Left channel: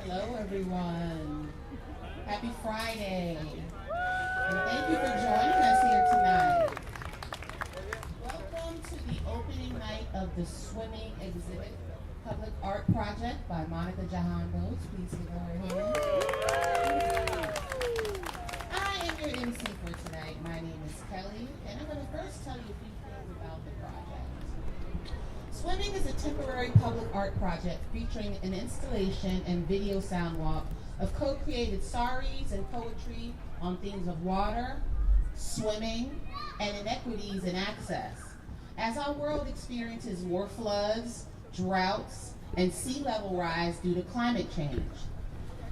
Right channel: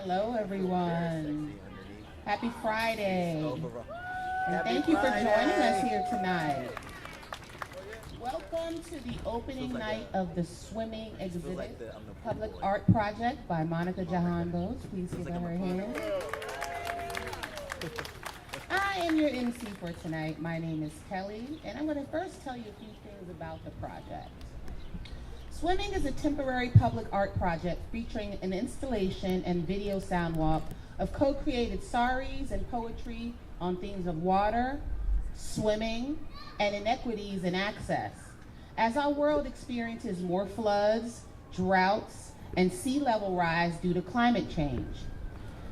Hello, everyone. Happy Friday. And thank you for joining us here tonight. Welcome to the opening night of the swimming exhibit, Public Art Project by Monica Jahan Bose. Please give her a hand. I am your MC for tonight. My name is Kelly, and I'm going to first tell you a few things about the project. Swimming is a temporary public art project featuring an installation and video soundwalk of co-created saris and poetry on themes of water, swimming, and inequities in access. As our world experiences more floods, droughts, and sea level rise due to climate change.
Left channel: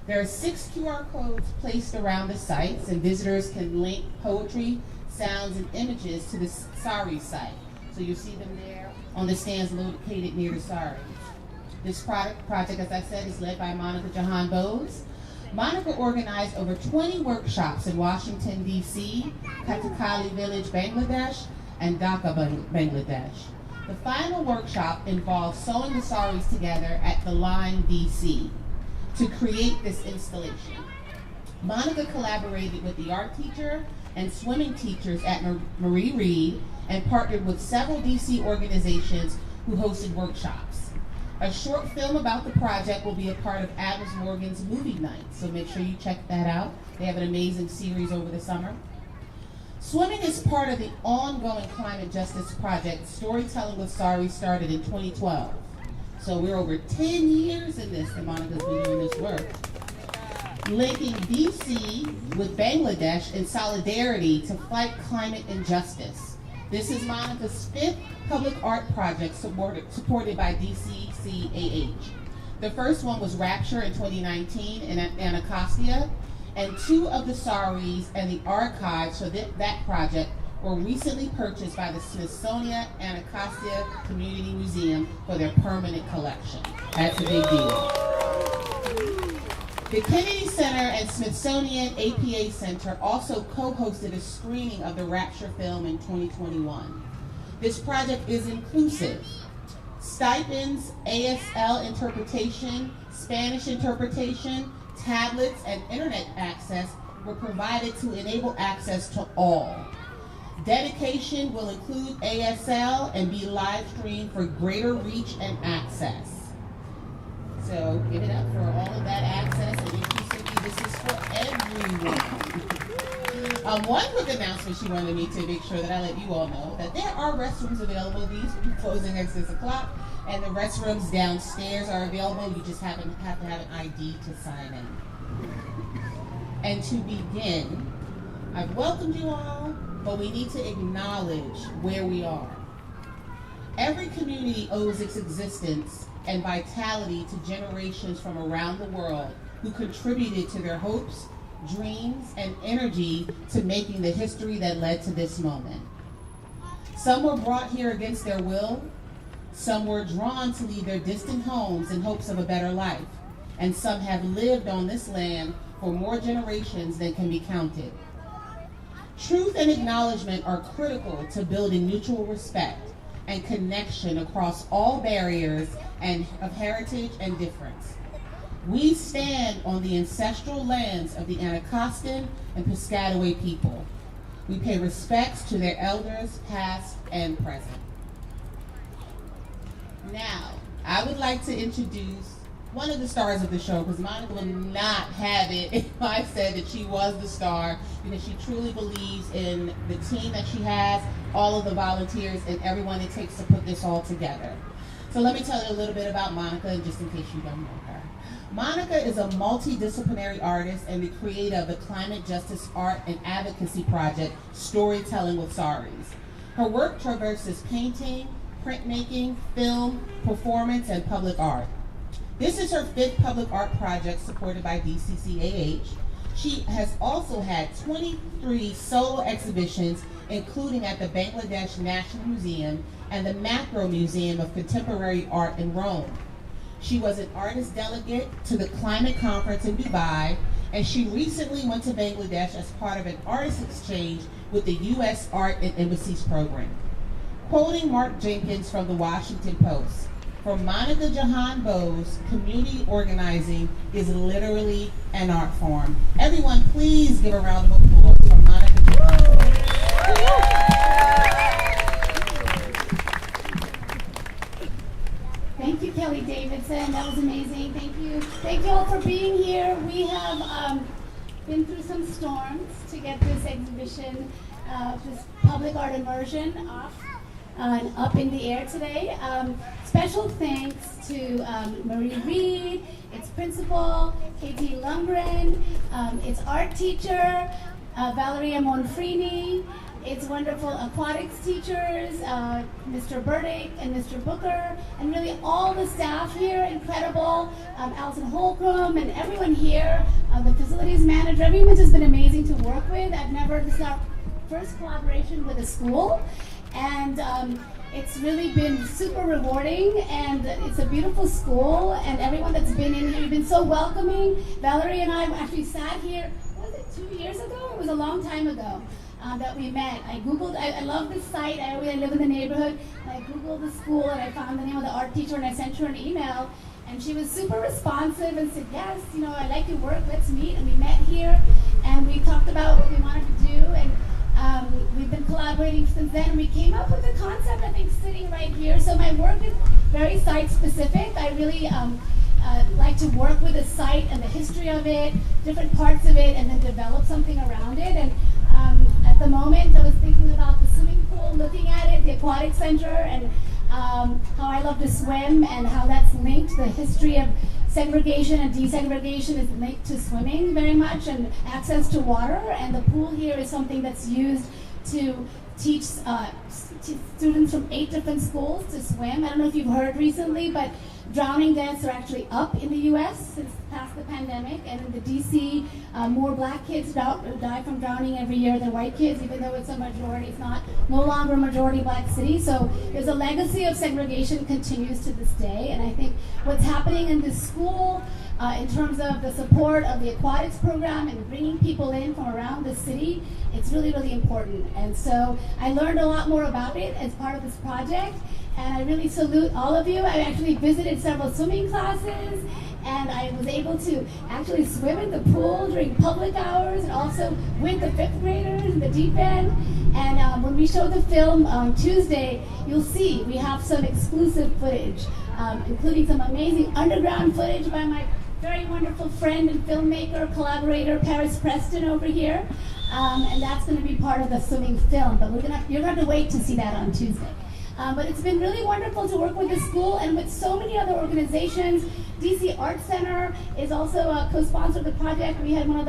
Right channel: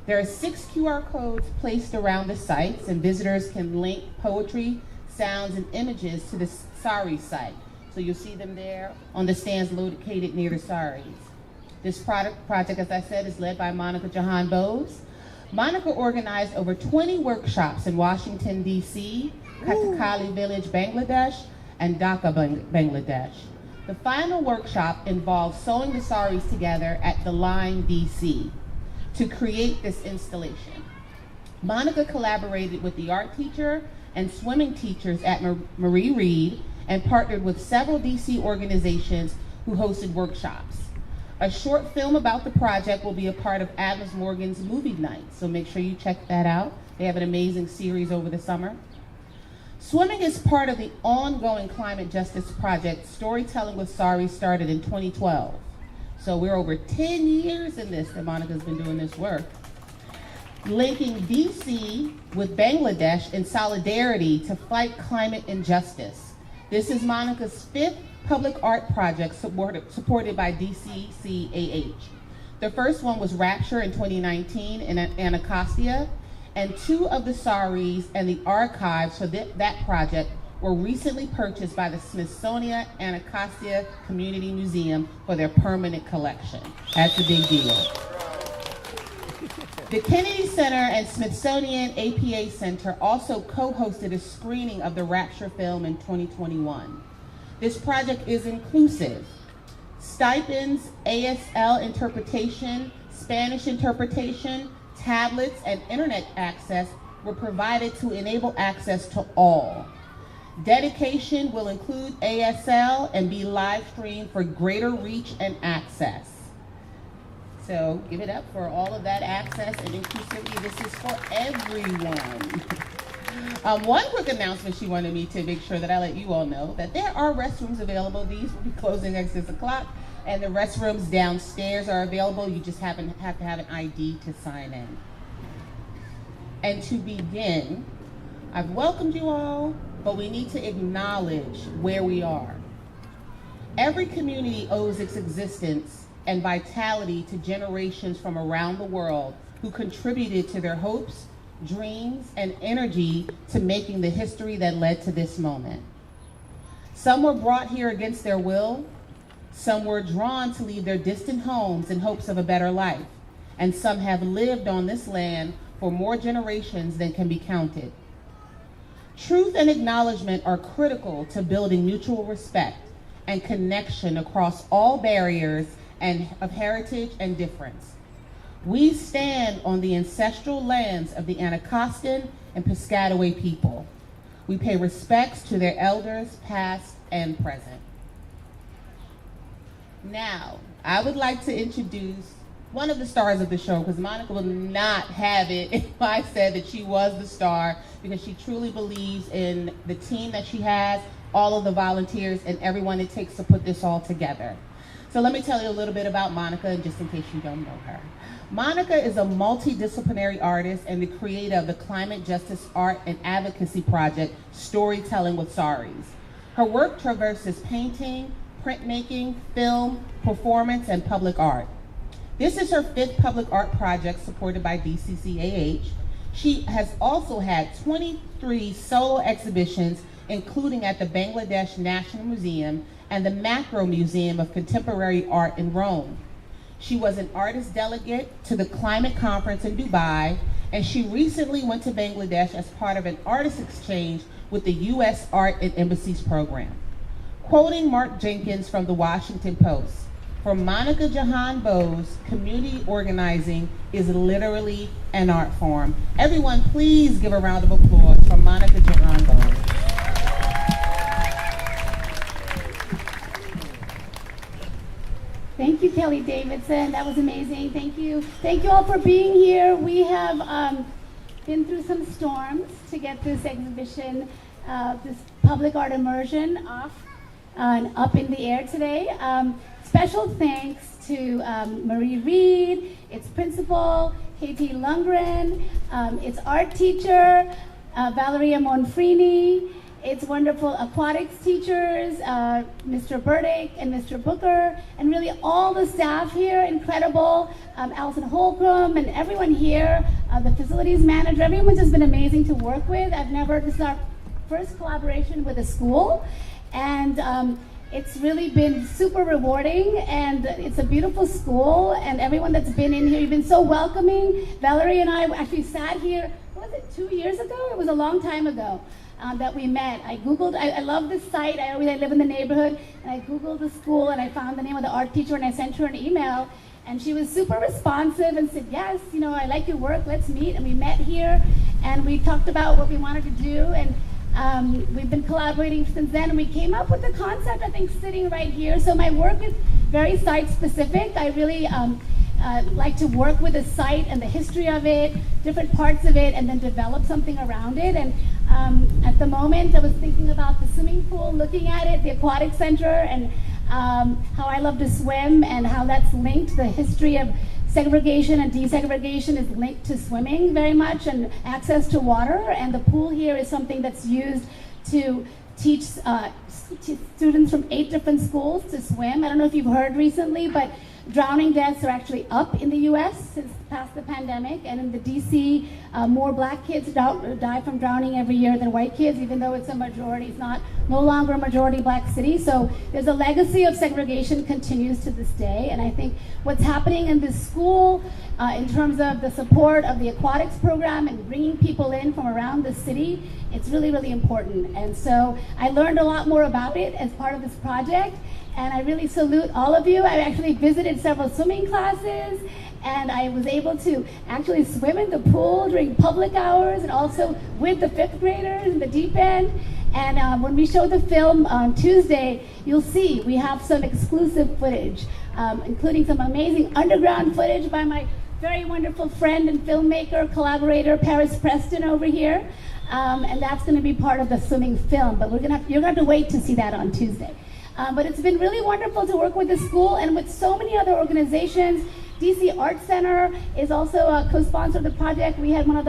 There are 6 QR codes placed around the sites, and visitors can link poetry, sounds, and images to the sari site. So you'll see them there on the stands located near the saris. This project, as I said, is led by Monica Jahan Bose. Monica organized over 20 workshops in Washington, D.C., Katakali Village, Bangladesh, and Dhaka, Bangladesh. The final workshop involved sewing the saris together at the Line, D.C. to create this installation. Monica collaborated with the art teacher and swimming teachers at Marie Reed and partnered with several DC organizations who hosted workshops. A short film about the project will be a part of Adams Morgan's movie night, so make sure you check that out. They have an amazing series over the summer. Swimming is part of the ongoing climate justice project. Storytelling with Sari started in 2012. So we're over 10 years in this that Monica's been doing this work. Linking DC with Bangladesh in solidarity to fight climate injustice. This is Monica's 5th public art project supported by DCCAH. The first one was Rapture in 2019 in Anacostia, and 2 of the saris and the archives for that project were recently purchased by the Smithsonian Anacostia Community Museum for their permanent collection. That's a big deal. The Kennedy Center and Smithsonian APA Center also co-hosted a screening of the Rapture film in 2021. This project is inclusive. Stipends, ASL interpretation, Spanish interpretation, tablets, and internet access were provided to enable access to all. Dedication will include ASL and be live streamed for greater reach and access. So give it up for all of that access and inclusivity. This is for everyone. One quick announcement she wanted me to make sure that I let you all know that there are restrooms available. These will be closing at 6 o'clock, and the restrooms downstairs are available. You just have to have an ID to sign in. And to begin, I've welcomed you all, but we need to acknowledge where we are. Every community owes its existence and vitality to generations from around the world who contributed to their hopes, dreams, and energy to making the history that led to this moment. Some were brought here against their will, some were drawn to leave their distant homes in hopes of a better life, and some have lived on this land for more generations than can be counted. Truth and acknowledgement are critical to building mutual respect and connection across all barriers and of heritage and difference. We stand on the ancestral lands of the Anacostan and Piscataway people. We pay respects to their elders, past and present. Now, I would like to introduce one of the stars of the show, because Monica will not have it if I said that she was the star, because she truly believes in the team that she has, all of the volunteers, and everyone it takes to put this all together. So So let me tell you a little bit about Monica, just in case you don't know her. Monica is a multidisciplinary artist and the creator of the climate justice art and advocacy project, Storytelling with Saris. Her work traverses painting, printmaking, film, performance, and public art. This is her 5th public art project supported by DCCAH. She has also had 23 solo exhibitions, including at the Bangladesh National Museum and the Macro Museum of Contemporary Art in Rome. She was an artist delegate to the climate conference in Dubai, and she recently went to Bangladesh as part of an artist exchange with the U.S. Art and Embassies program. Quoting Mark Jenkins from the Washington Post, "For Monica Jahan Bose, community organizing is literally an art form." Everyone, please give a round of applause for Monica Jahan Bose. Thank you, Kelly Davidson. That was amazing. Thank you. Thank you all for being here. We have been through some storms to get this exhibition, this public art immersion off and up in the air today. Special thanks to Marie Reed, its principal, Katie Lundgren, its art teacher, Valeria Monfrini, its wonderful aquatics teachers, Mr. Burdick and Mr. Booker, and really all the staff here, incredible, Alison Holcomb and everyone here, the facilities manager, everyone's just been amazing to work with. This is our first collaboration with a school, and it's really been super rewarding, and it's a beautiful school, and everyone that's been in here, you've been so welcoming. Valerie and I actually sat here, was it 2 years ago? It was a long time ago. That we met. I Googled, I love this site, I live in the neighborhood, and I Googled the school and I found the name of the art teacher and I sent her an email, and she was super responsive and said, yes, I like your work, let's meet. And we met here and we talked about what we wanted to do, and we've been collaborating since then, and we came up with the concept, I think, sitting right here. So my work is very site specific. I really like to work with the site and the history of it, different parts of it, and then develop something around it. And at the moment, I was thinking about the swimming pool, looking at it, the aquatic center, and how I love to swim and how that's linked. The history of segregation and desegregation is linked to swimming very much, and access to water. And the pool here is something that's used to teach students from 8 different schools to swim. I don't know if you've heard recently, but drowning deaths are actually up in the U.S. since past the pandemic, and in the D.C., more black kids die from drowning every year than white kids, even though it's a majority. It's no longer a majority black city. So there's a legacy of segregation continues to this day, and I think what's happening in this school in terms of the support of the aquatics program and bringing people in from around the city, it's really, really important. And so I learned a lot more about it as part of this project, and I really salute all of you. I actually visited several swimming classes, and I was able to actually swim in the pool during public hours and also with the 5th graders in the deep end. And when we show the film on Tuesday, you'll see we have some exclusive footage, including some amazing underground footage by my very wonderful friend and filmmaker, collaborator, Paris Preston over here. And that's gonna be part of the swimming film, but you're gonna have to wait to see that on Tuesday. But it's been really wonderful to work with the school and with so many other organizations. DC Art Center is also a co-sponsor of the project. We had one of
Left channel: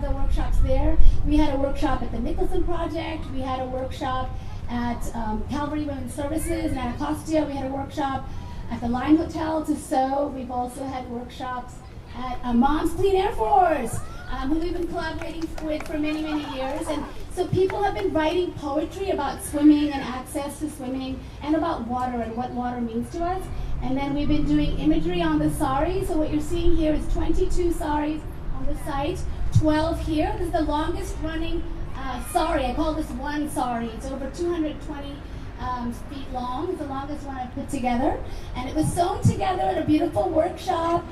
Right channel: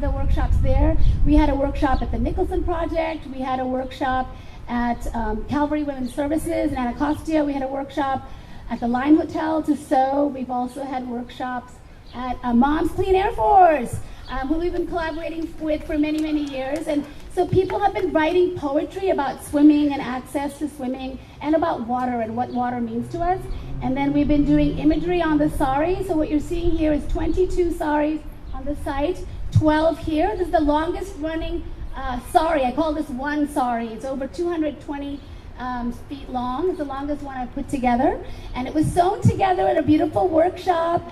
the workshops there. We had a workshop at the Nicholson Project. We had a workshop at Calvary Women's Services in Anacostia. We had a workshop at the Line Hotel to sew. We've also had workshops at Mom's Clean Air Force, who we've been collaborating with for many, many years. And so people have been writing poetry about swimming and access to swimming and about water and what water means to us. And then we've been doing imagery on the saris. So what you're seeing here is 22 saris on the site, 12 here. This is the longest running sari. I call this one sari. It's over 220 feet long. It's the longest one I've put together. And it was sewn together at a beautiful workshop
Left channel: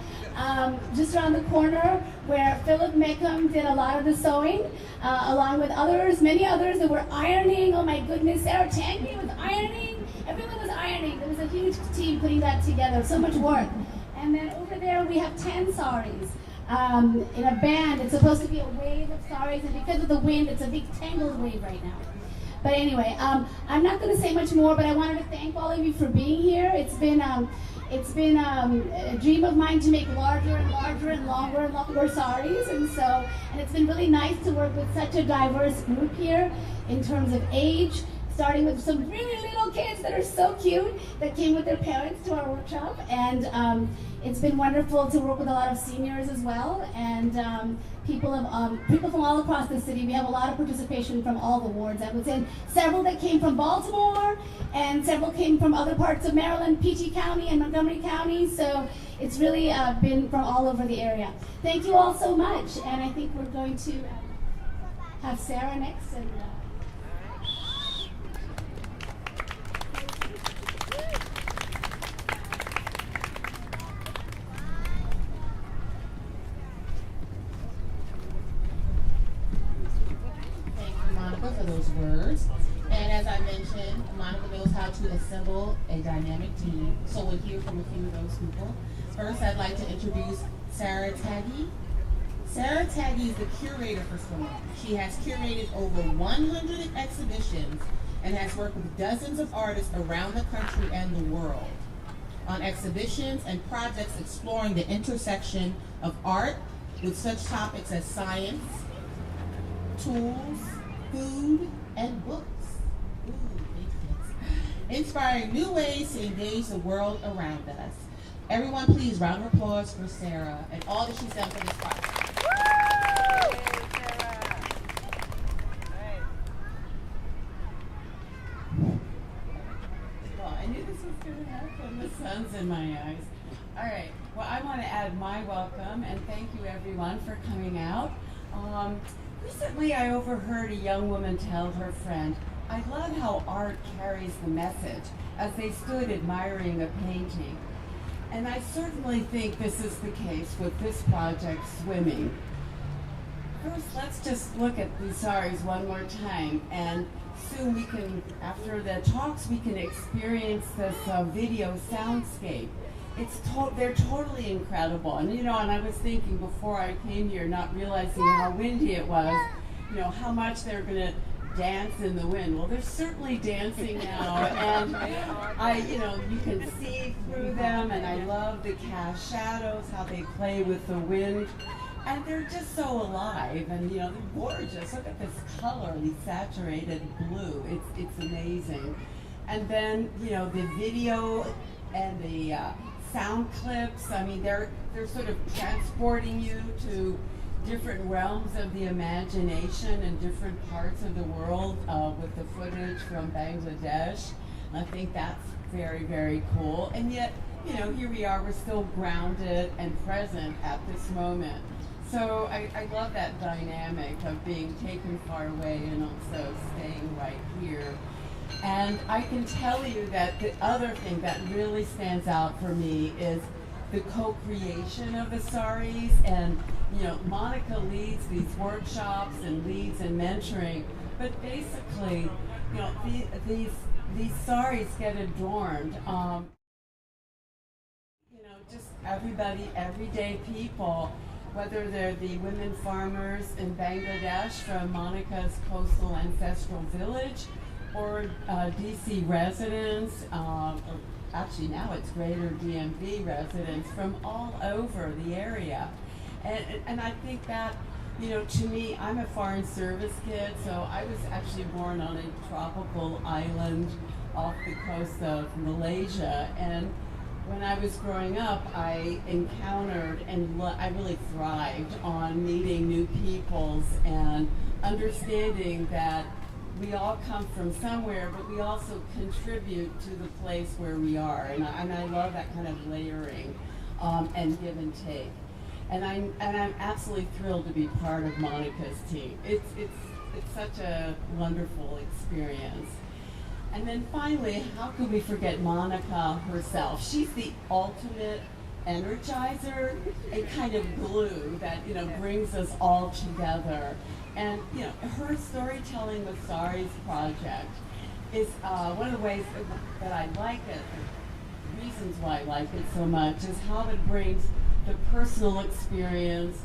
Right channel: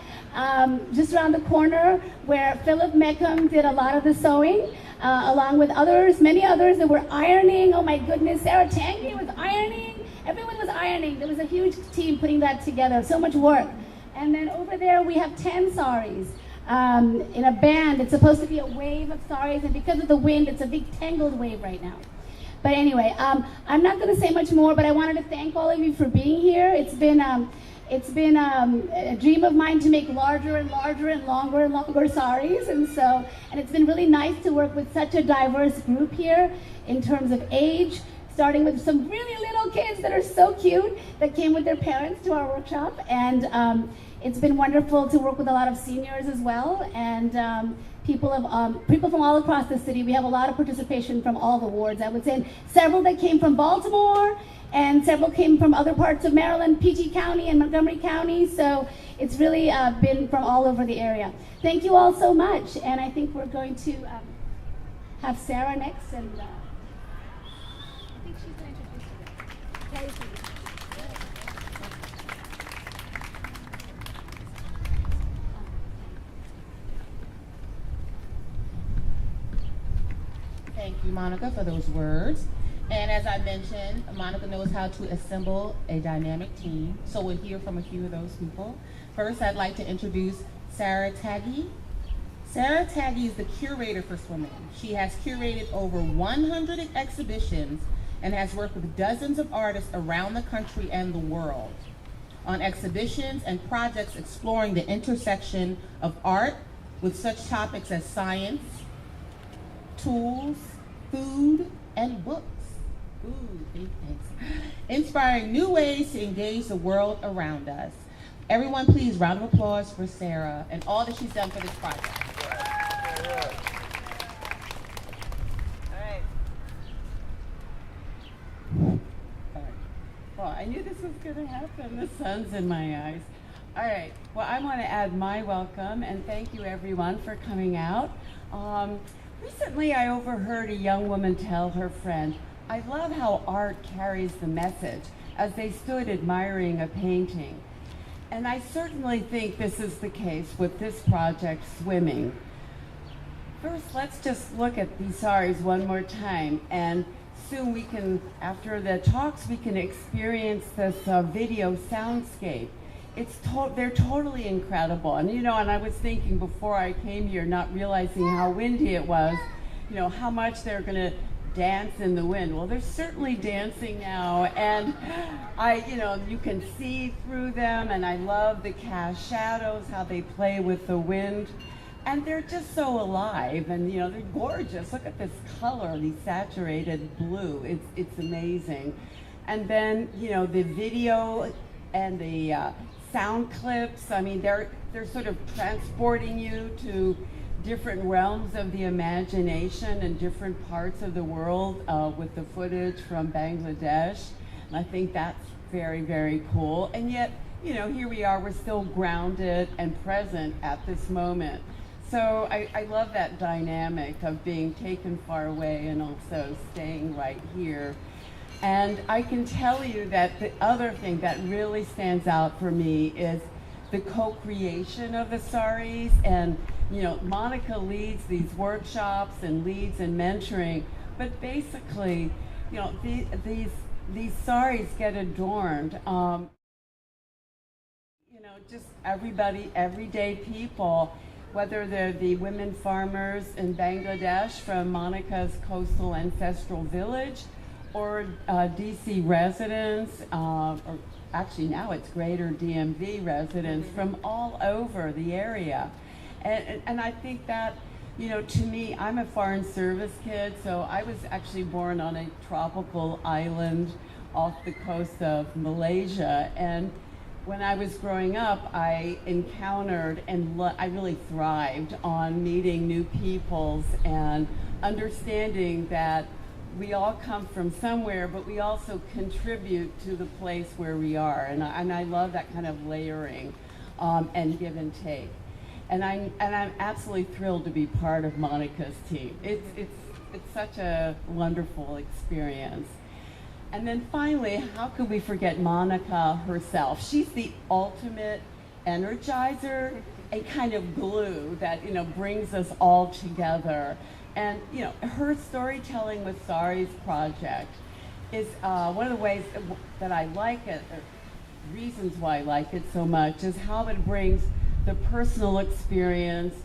just around the corner where Philip Meckham did a lot of the sewing, along with others, many others that were ironing. Oh my goodness, Sarah Tanguy was ironing. Everyone was ironing. There was a huge team putting that together, so much work. And then over there we have 10 saris in a band. It's supposed to be a wave of saris, and because of the wind, it's a big tangled wave right now. But anyway, I'm not going to say much more, but I wanted to thank all of you for being here. It's been a dream of mine to make larger and larger and longer saris, and it's been really nice to work with such a diverse group here in terms of age, starting with some really little kids that are so cute that came with their parents to our workshop, and it's been wonderful to work with a lot of seniors as well, and people from all across the city. We have a lot of participation from all the wards. I would say several that came from Baltimore, and several came from other parts of Maryland, PG County and Montgomery County. So it's really been from all over the area. Thank you all so much, and I think we're going to have Sarah next, and Thank you, Monica, for those words. And as I mentioned, Monica knows how to assemble a dynamic team, so we'll hear from a few of those people. First, I'd like to introduce Sarah Tanguy. Sarah Tanguy is the curator for Swimming. She has curated over 100 exhibitions and has worked with dozens of artists around the country and the world on exhibitions and projects exploring the intersection of art with such topics as science, tools, food, and books. Ooh, big things. Inspiring new ways to engage the world around us. Everyone, please, round of applause for Sarah and all that she's done for this project. Well, I knew this was going to happen. The sun's in my eyes. All right. Well, I want to add my welcome and thank you, everyone, for coming out. Recently, I overheard a young woman tell her friend, "I love how art carries the message," as they stood admiring a painting. And I certainly think this is the case with this project, Swimming. First, let's just look at these saris one more time, and soon we can, after the talks, we can experience this video soundscape. They're totally incredible. And and I was thinking before I came here, not realizing how windy it was, how much they're gonna dance in the wind. Well, they're certainly dancing now, and you can see through them, and I love the cast shadows, how they play with the wind. And they're just so alive, and they're gorgeous. Look at this color, the saturated blue. It's amazing. And then the video and the sound clips. I mean, they're sort of transporting you to different realms of the imagination and different parts of the world with the footage from Bangladesh. And I think that's very, very cool. And yet, here we are, we're still grounded and present at this moment. So I love that dynamic of being taken far away and also staying right here. And I can tell you that the other thing that really stands out for me is the co-creation of the saris. And Monica leads these workshops and leads in mentoring, but basically, these saris get adorned. Just everybody, everyday people, whether they're the women farmers in Bangladesh from Monica's coastal ancestral village, or DC residents, or actually now it's greater DMV residents from all over the area. And I think that, to me, I'm a foreign service kid, so I was actually born on a tropical island off the coast of Malaysia. And when I was growing up, I encountered and I really thrived on meeting new peoples and understanding that we all come from somewhere, but we also contribute to the place where we are. And I love that kind of layering and give and take. And I'm absolutely thrilled to be part of Monica's team. It's such a wonderful experience. And then finally, how could we forget Monica herself? She's the ultimate energizer and kind of glue that brings us all together. And her storytelling with Sari's project is one of the ways that I like it, or reasons why I like it so much, is how it brings the personal experience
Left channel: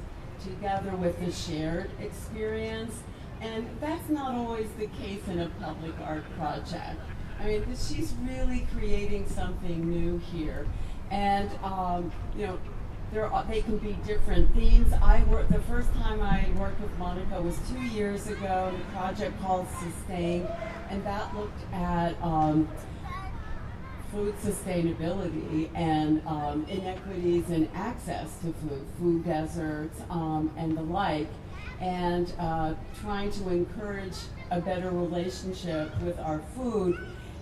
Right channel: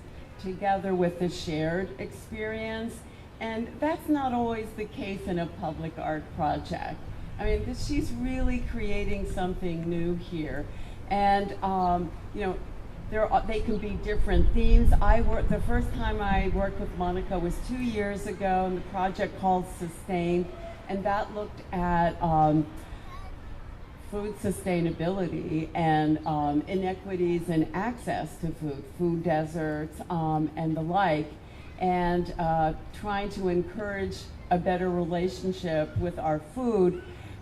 together with the shared experience. And that's not always the case in a public art project. I mean, she's really creating something new here. And, you know, they can be different themes. The first time I worked with Monica was 2 years ago in a project called Sustain, and that looked at food sustainability and inequities in access to food deserts and the like, and trying to encourage a better relationship with our food.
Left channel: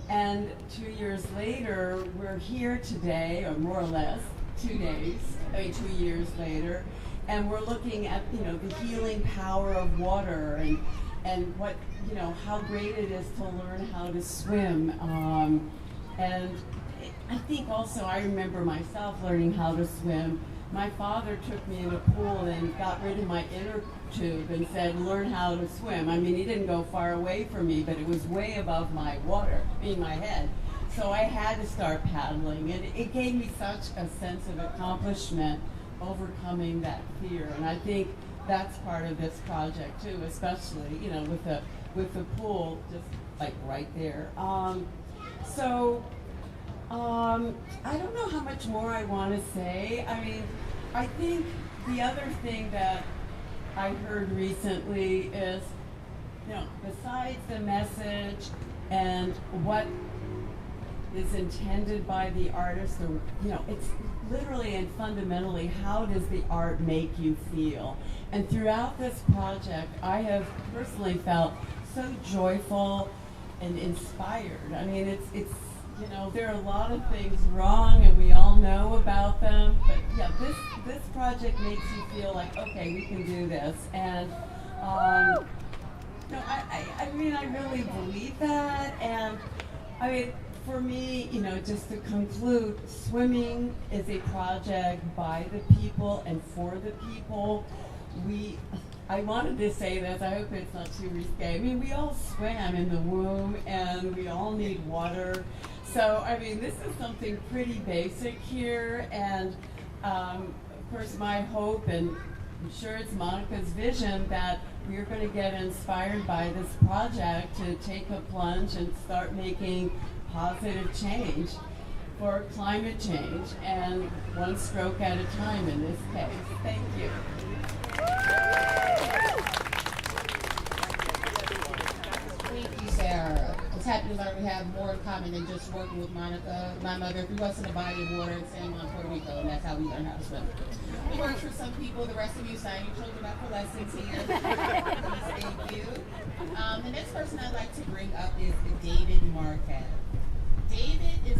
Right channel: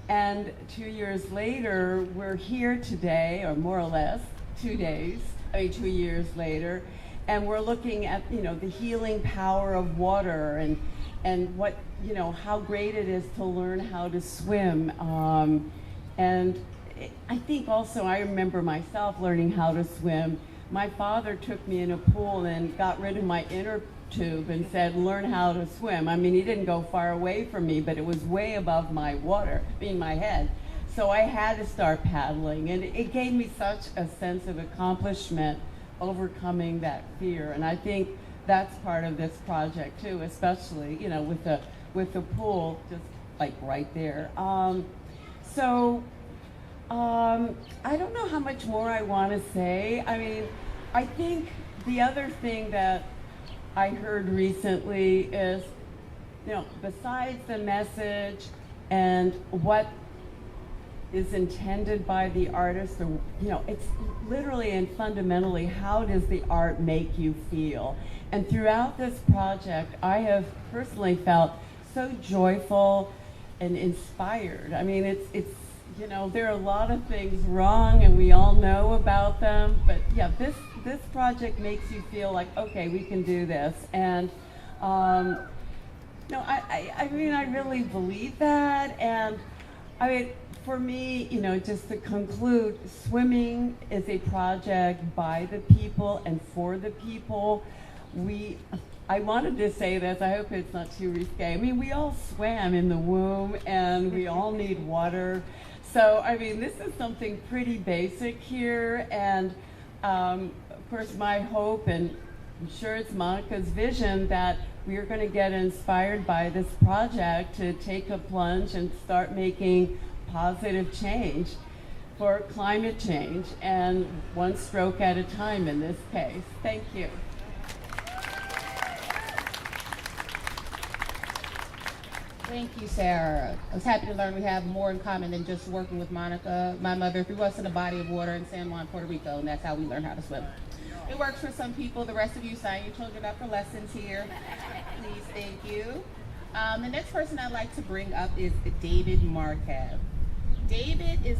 And 2 years later, we're here today, or more or less, 2 years later, and we're looking at, you know, the healing power of water and what, you know, how great it is to learn how to swim. And I think also I remember myself learning how to swim. My father took me in a pool and got rid of my inner tube and said, learn how to swim. I mean, he didn't go far away from me, but it was way above my my head. So I had to start paddling, and it gave me such a sense of accomplishment, overcoming that fear. And I think that's part of this project too, especially, you know, with the pool just like right there. I don't know how much more I want to say. I mean, I think the other thing that I heard recently is, you know, besides the message and what is intended by the artist, or, you know, it's literally and fundamentally, how does the art make you feel? And throughout this project, I have personally felt so joyful and inspired. I mean, it's you know, there are a lot of things wrong and we all know about them, but yeah, this project makes you feel like, okay, we can do this. And no, I mean, I really believe that. And I mean, for me, you know, just to conclude, swimming is a project by the people and for the people. I wanted to say this, I hope it's not too risque. I mean, we all swam in the womb and we all need water. So, I mean, this is something pretty basic here. And of course, my hope, and I'm sure it's Monica's vision, that we are going to get inspired by this project to take a plunge and start making positive change for climate change, and one stroke at a time in this case. Thank you. Thank you, Sarah. I was happy to learn we have more in common than just working with Monica. My mother threw us in a body of water in San Juan, Puerto Rico, and that's how we learned how to swim. It works for some people. The rest of you sign your children up for lessons here. Please, thank you. The next person I'd like to bring up is David Marquez. David is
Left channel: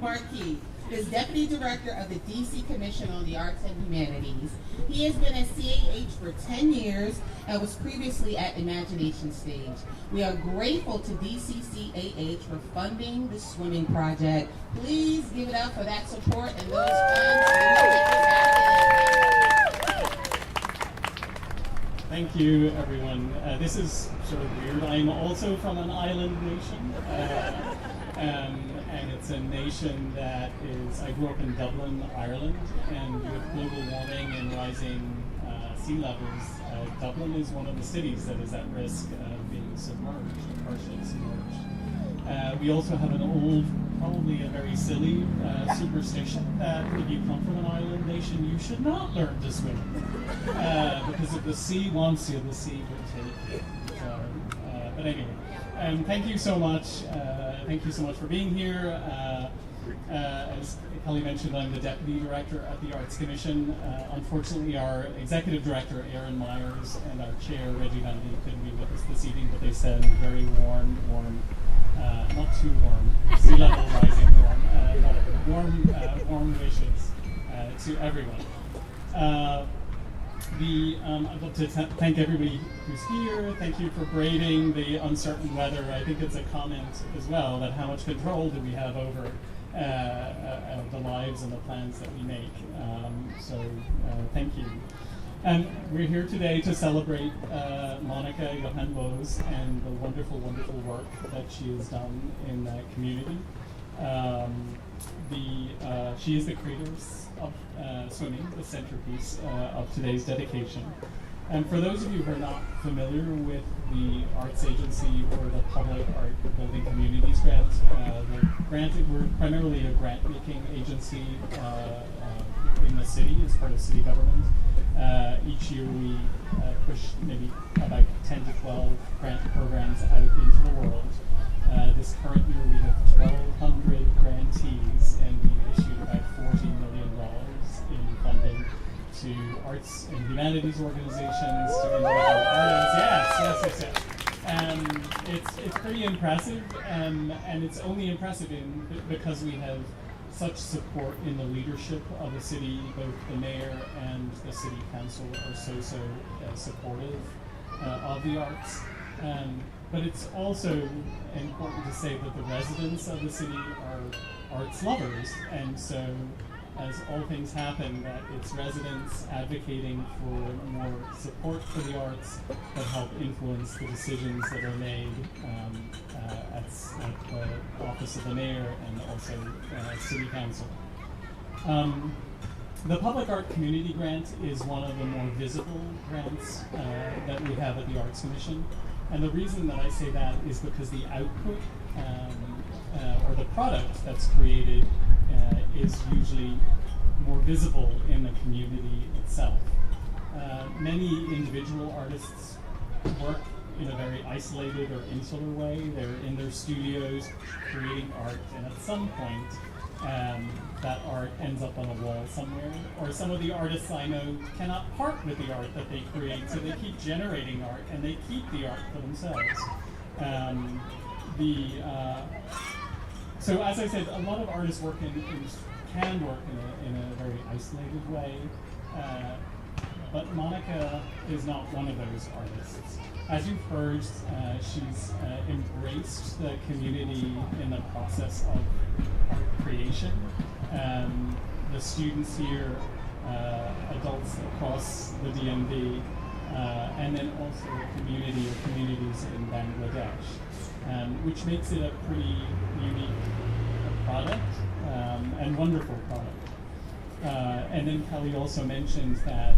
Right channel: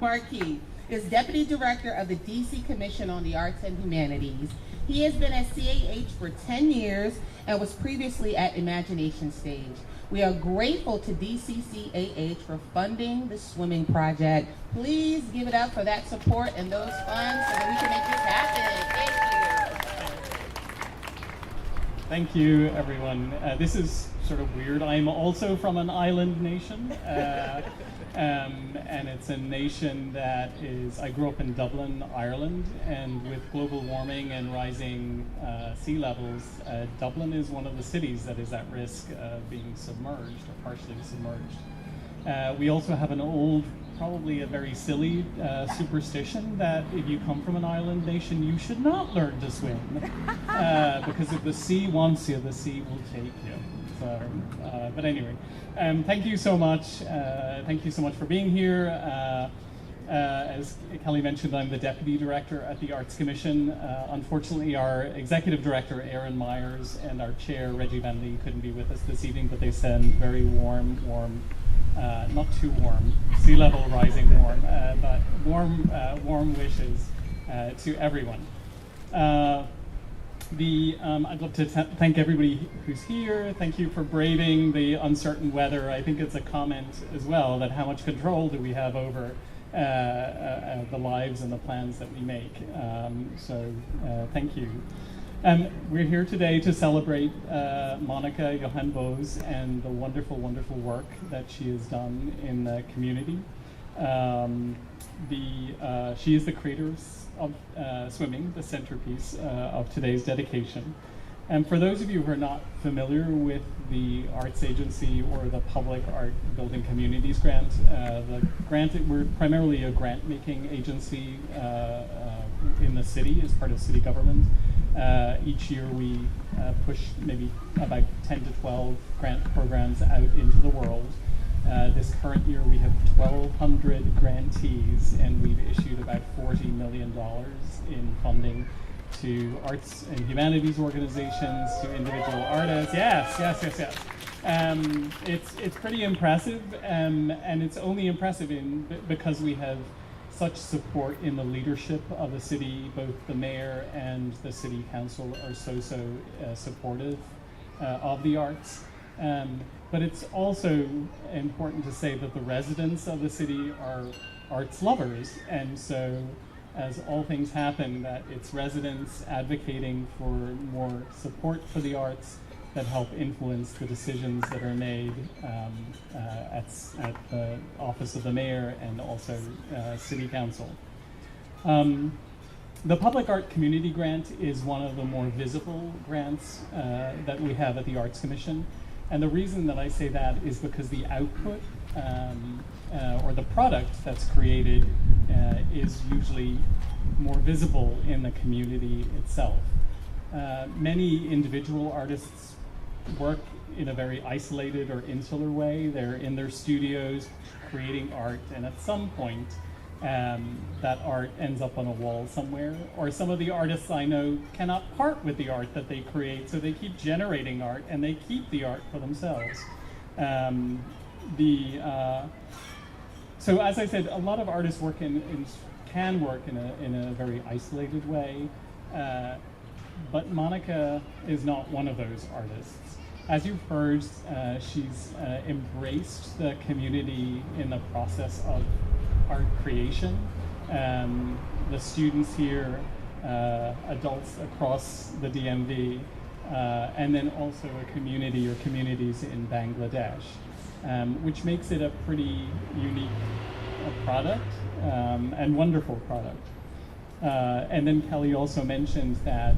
Marquis is Deputy Director of the DC Commission on the Arts and Humanities. He has been at CAH for 10 years and was previously at Imagination Stage. We are grateful to DCCAH for funding the swimming project. Please give it up for that support and those funds so that we can make this happen. Thank you, everyone. This is sort of weird. I'm also from an island nation. And it's a nation that I grew up in Dublin, Ireland, and with global warming and rising sea levels, Dublin is one of the cities that is at risk of being submerged, or partially submerged. We also have an old, probably a very silly superstition that if you come from an island nation, you should not learn to swim. Because if the sea wants you, the sea will take you. So, but anyway, thank you so much. Thank you so much for being here. As Kelly mentioned, I'm the Deputy Director at the Arts Commission. Unfortunately, our Executive Director, Aaron Myers, and our Chair, Reggie Van Lee, couldn't be with us this evening, but they send very warm, not too warm, sea level rising warm, but warm wishes to everyone. I'd love to thank everybody who's here. Thank you for braving the uncertain weather. I think it's a comment as well that how much control do we have over the lives and the plans that we make. So thank you. And we're here today to celebrate Monica Jahan Bose and the wonderful, wonderful work that she has done in the community. She is the creator of Swimming, the centerpiece of today's dedication. And for those of you who are not familiar with the Arts Agency or the Public Art Building Communities Grant, we're primarily a grant-making agency in the city as part of city government. Each year we push maybe about 10 to 12 grant programs out into the world. This current year we have 1,200 grantees, and we've issued about $40 million in funding to arts and humanities organizations, to individual artists. Yes. It's pretty impressive, and it's only impressive because we have such support in the leadership of the city. Both the mayor and the city council are so supportive of the arts. But it's also important to say that the residents of the city are arts lovers, and so as all things happen, that it's residents advocating for more support for the arts that help influence the decisions that are made at the office of the mayor and also city council. The Public Art Community Grant is one of the more visible grants that we have at the Arts Commission. And the reason that I say that is because the output or the product that's created is usually more visible in the community itself. Many individual artists work in a very isolated or insular way. They're in their studios creating art, and at some point that art ends up on a wall somewhere. Or some of the artists I know cannot part with the art that they create, so they keep generating art and they keep the art for themselves. So as I said, a lot of artists can work in a very isolated way, but Monica is not one of those artists. As you've heard, she's embraced the community in the process of art creation. The students here, adults across the DMV, and then also a community or communities in Bangladesh, which makes it a pretty unique product and wonderful product. And then Kelly also mentioned that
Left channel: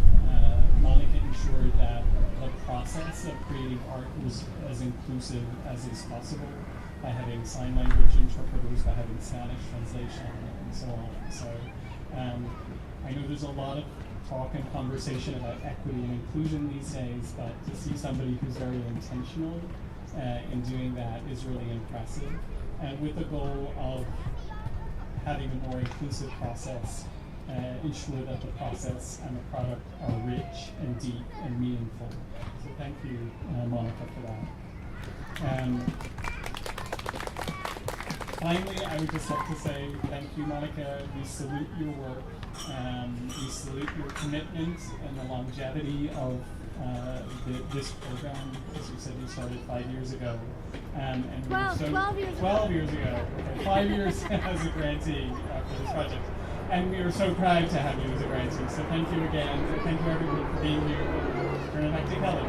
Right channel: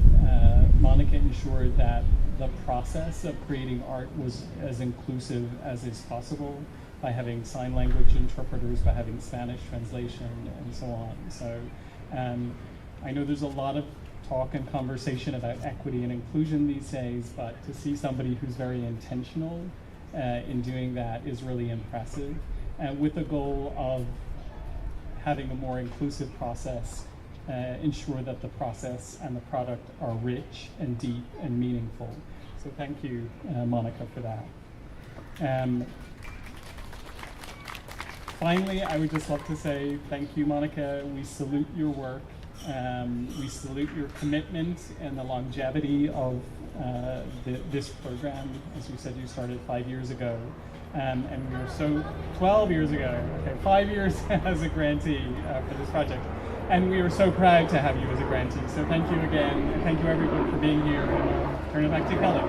Monica ensured that the process of creating art was as inclusive as is possible by having sign language interpreters, by having Spanish translation, and so on. So I know there's a lot of talk and conversation about equity and inclusion these days, but to see somebody who's very intentional in doing that is really impressive, with the goal of having a more inclusive process, ensure that the process and the product are rich and deep and meaningful. So thank you, Monica, for that. Finally, I would just love to say thank you, Monica. We salute your work. We salute your commitment and the longevity of this program. As you said, you started 5 years ago. And we were 12 years ago. Okay, 5 years as a grantee for this project. And we are so proud to have you as a grantee. So thank you again. And thank you everyone for being here. Turn it back to Kelly.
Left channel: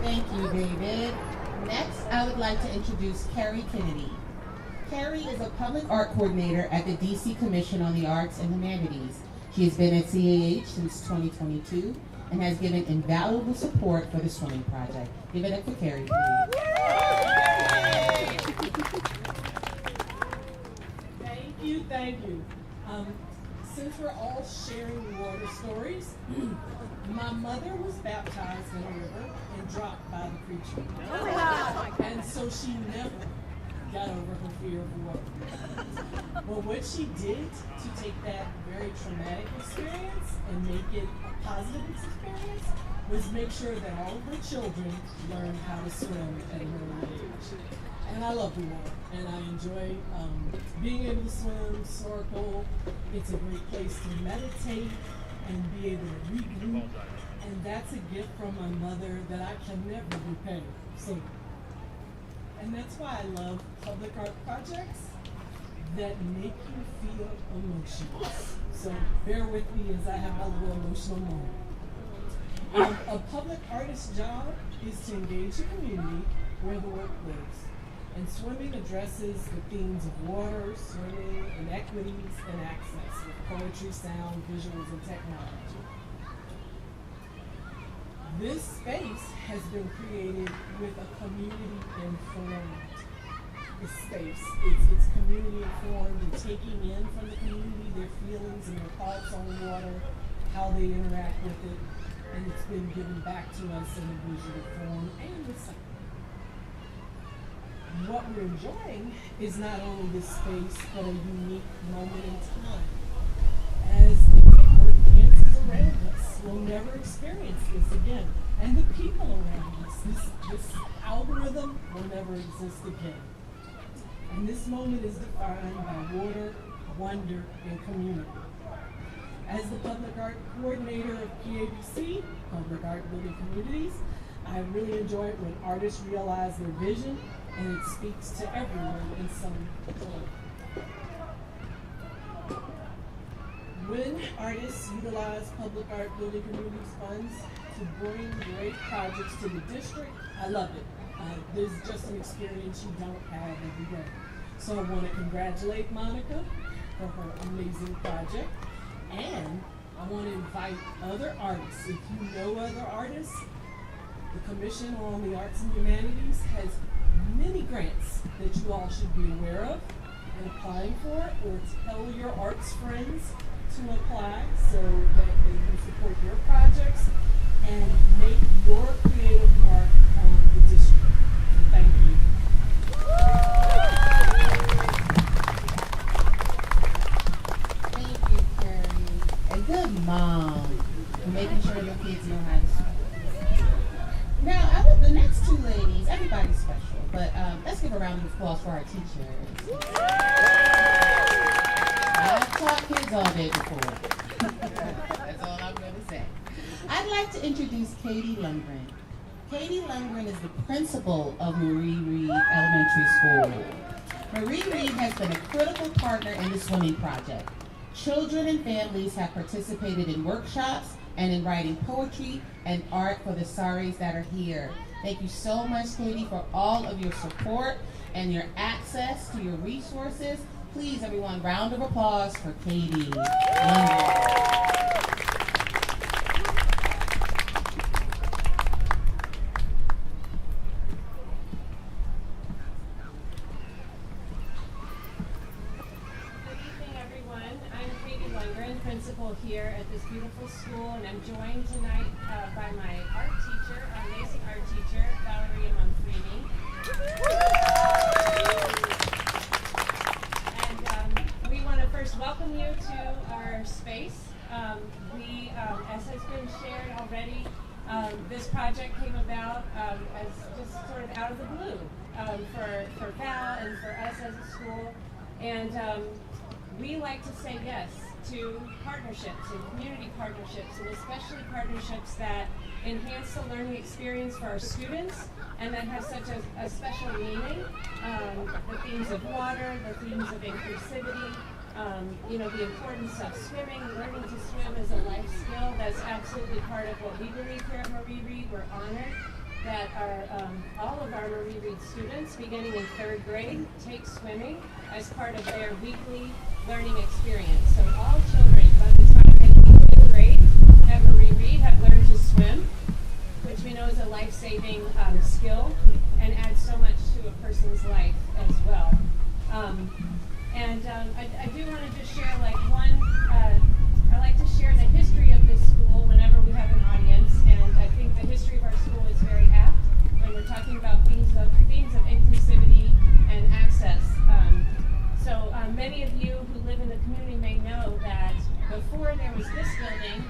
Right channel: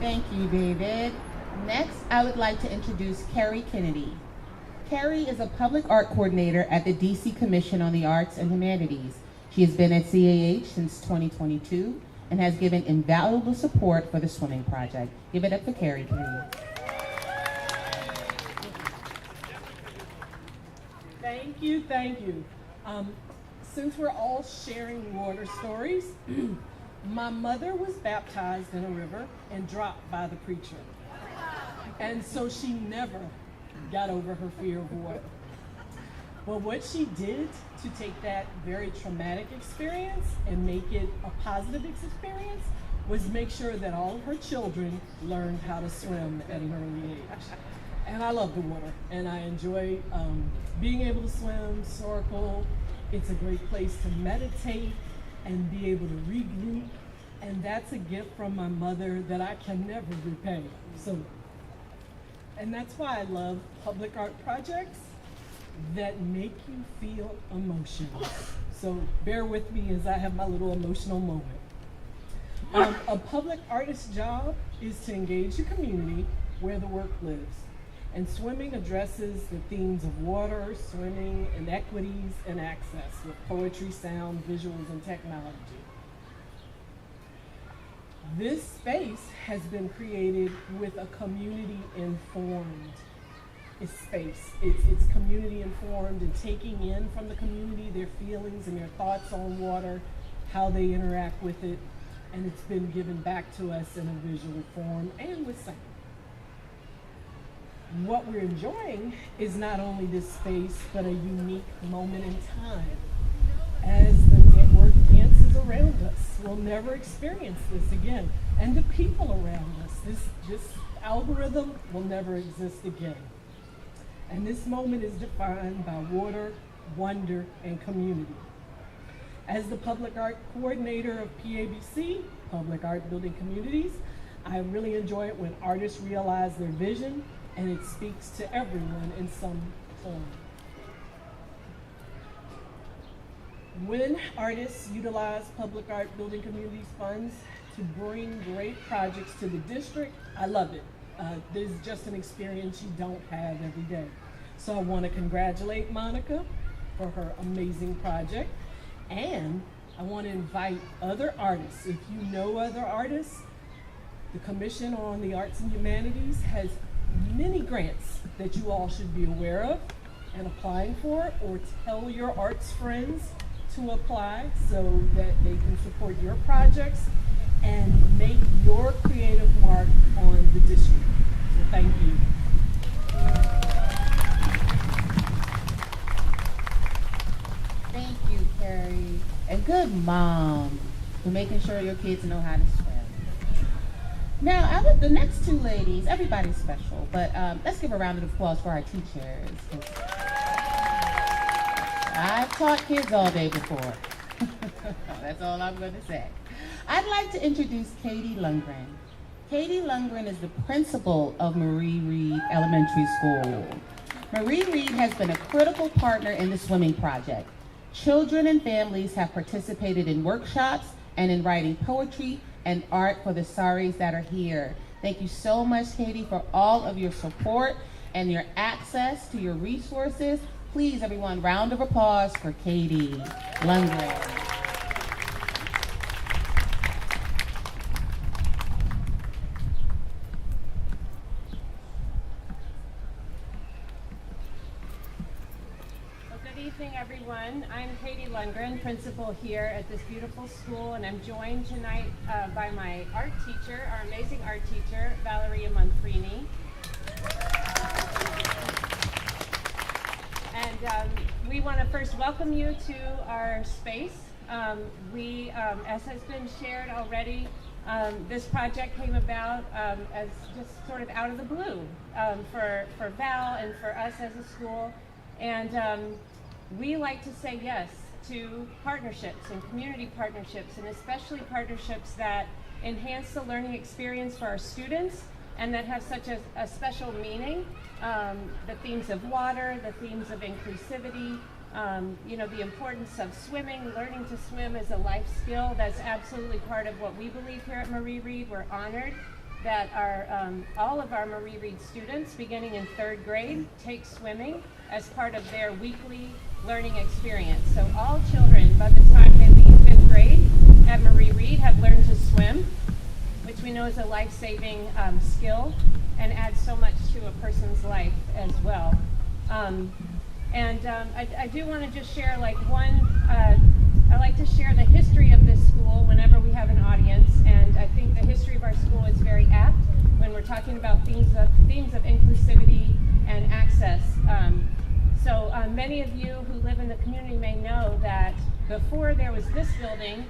Thank you, David. Next, I would like to introduce Carrie Kennedy. Carrie is a public art coordinator at the DC Commission on the Arts and Humanities. She has been at CAH since 2022 and has given invaluable support for the swimming project. Give it up for Carrie, please. Thank you. Since we're all sharing water stories, my mother was baptized in a river and dropped by the preacher. Oh my God. And so she never got over her fear of water. Well, what she did to take that very traumatic experience and make it a positive experience was make sure that all of her children learned how to swim at an early age. And I love the water, and I enjoy being able to swim, snorkel. It's a great place to meditate and be able to regroup. And that's a gift from my mother that I can never repay. And that's why I love public art projects that make you feel emotional. So bear with me as I have my little emotional moment. A public artist's job is to engage the community where the work lives. And swimming addresses the themes of water, swimming, inequities, and access with poetry, sound, visuals, and technology. This space has been created with a community-informed space. It's community informed and taking in from the community their feelings and their thoughts on water, how they interact with it, and it's been given back to us in a visual form and with sound. What we're enjoying is not only this space, but a unique moment in time. As the network dances around us, we'll never experience this again. And the people around us, this algorithm will never exist again. And this moment is defined by water, wonder, and community. As the public art coordinator of PABC, Public Art Building Communities, I really enjoy it when artists realize their vision and it speaks to everyone in some form. When artists utilize Public Art Building Communities funds to bring great projects to the district, I love it. This is just an experience you don't have every day. So I want to congratulate Monica for her amazing project. And I want to invite other artists. If you know other artists, the Commission on the Arts and Humanities has many grants that you all should be aware of and applying for, or tell your arts friends to apply so that they can support your projects and make your creative mark on the district. So thank you. Thank you, Carrie. And good mom for making sure your kids know how to swim. Now, the next two ladies, everybody's special, but let's give a round of applause for our teachers. I've taught kids all day before. That's all I'm going to say. I'd like to introduce Katie Lundgren. Katie Lundgren is the principal of Marie Reed Elementary School. Marie Reed has been a critical partner in the swimming project. Children and families have participated in workshops and in writing poetry and art for the saris that are here. Thank you so much, Katie, for all of your support and your access to your resources. Please, everyone, round of applause for Katie Lundgren. I'm Katie Lundgren, principal here at this beautiful school, and I'm joined tonight by my art teacher, our amazing art teacher, Valeria Manfrini. And we want to first welcome you to our space. As has been shared already, this project came about as just sort of out of the blue for Val and for us as a school. And we like to say yes to partnerships and community partnerships, and especially partnerships that enhance the learning experience for our students and that have such a special meaning. The themes of water, the themes of inclusivity, the importance of swimming, learning to swim is a life skill. That's absolutely part of what we believe here at Marie Reed. We're honored that all of our Marie Reed students, beginning in 3rd grade, take swimming as part of their weekly learning experience. So all children, by the time they leave 5th grade at Marie Reed, have learned to swim, which we know is a life-saving skill and adds so much to a person's life as well. I do want to just share I like to share the history of this school whenever we have an audience, and I think the history of our school is very apt when we're talking about themes of inclusivity and access. So many of you who live in the community may know that before there was this building,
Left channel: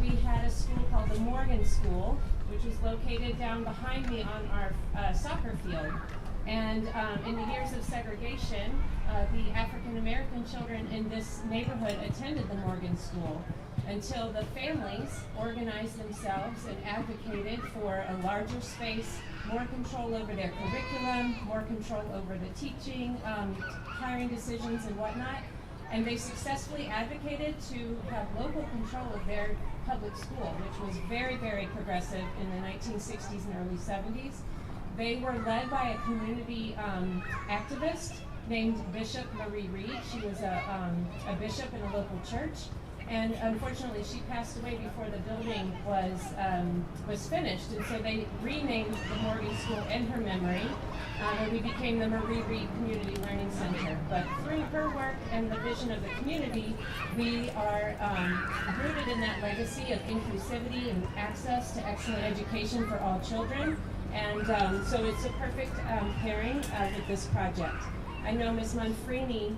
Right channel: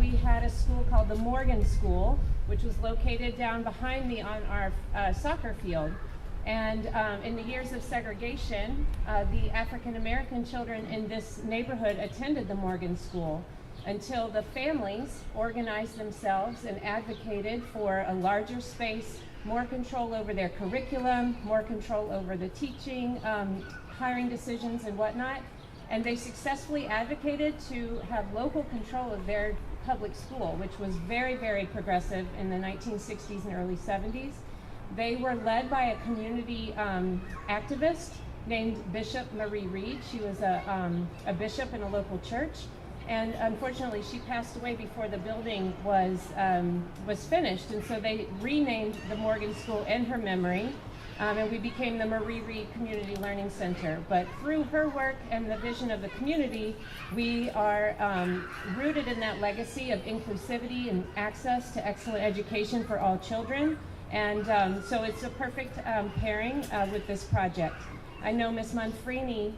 we had a school called the Morgan School, which was located down behind me on our soccer field. And in the years of segregation, the African American children in this neighborhood attended the Morgan School until the families organized themselves and advocated for a larger space, more control over their curriculum, more control over the teaching, hiring decisions and whatnot. And they successfully advocated to have local control of their public school, which was very, very progressive in the 1960s and early 70s. They were led by a community activist named Bishop Marie Reed. She was a bishop in a local church, and unfortunately she passed away before the building was finished, and so they renamed the Morgan School in her memory, and we became the Marie Reed Community Learning Center. But through her work and the vision of the community, we are rooted in that legacy of inclusivity and access to excellent education for all children, and so it's a perfect pairing with this project. I know Ms. Manfrini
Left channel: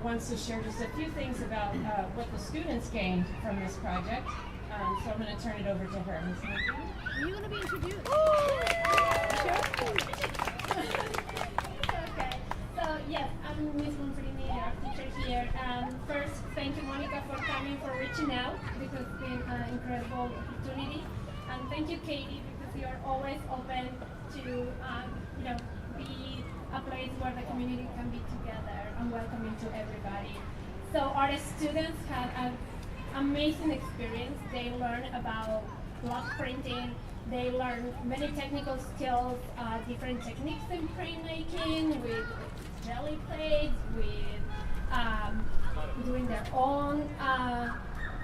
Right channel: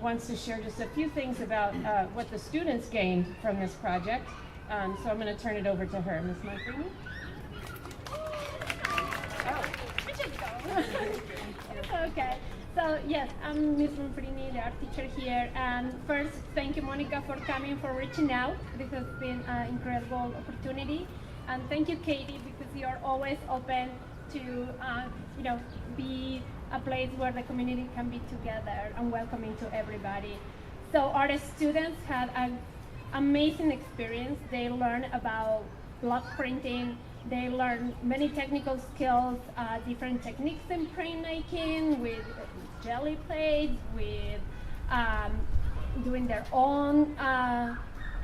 wants to share just a few things about what the students gained from this project. So I'm going to turn it over to her. Ms. Manfrini? Are you going to be introduced? Okay. So yes, I'm Ms. Manfrini, the art teacher here. And first, thank you, Monica, for coming, for reaching out. This has been an incredible opportunity. And thank you, Katie, because you're always open to, be a place where the community can be together and welcoming to everybody. So our students had an amazing experience. They learned about block printing. They learned many technical skills, different techniques in printmaking, with jelly plates, with doing their own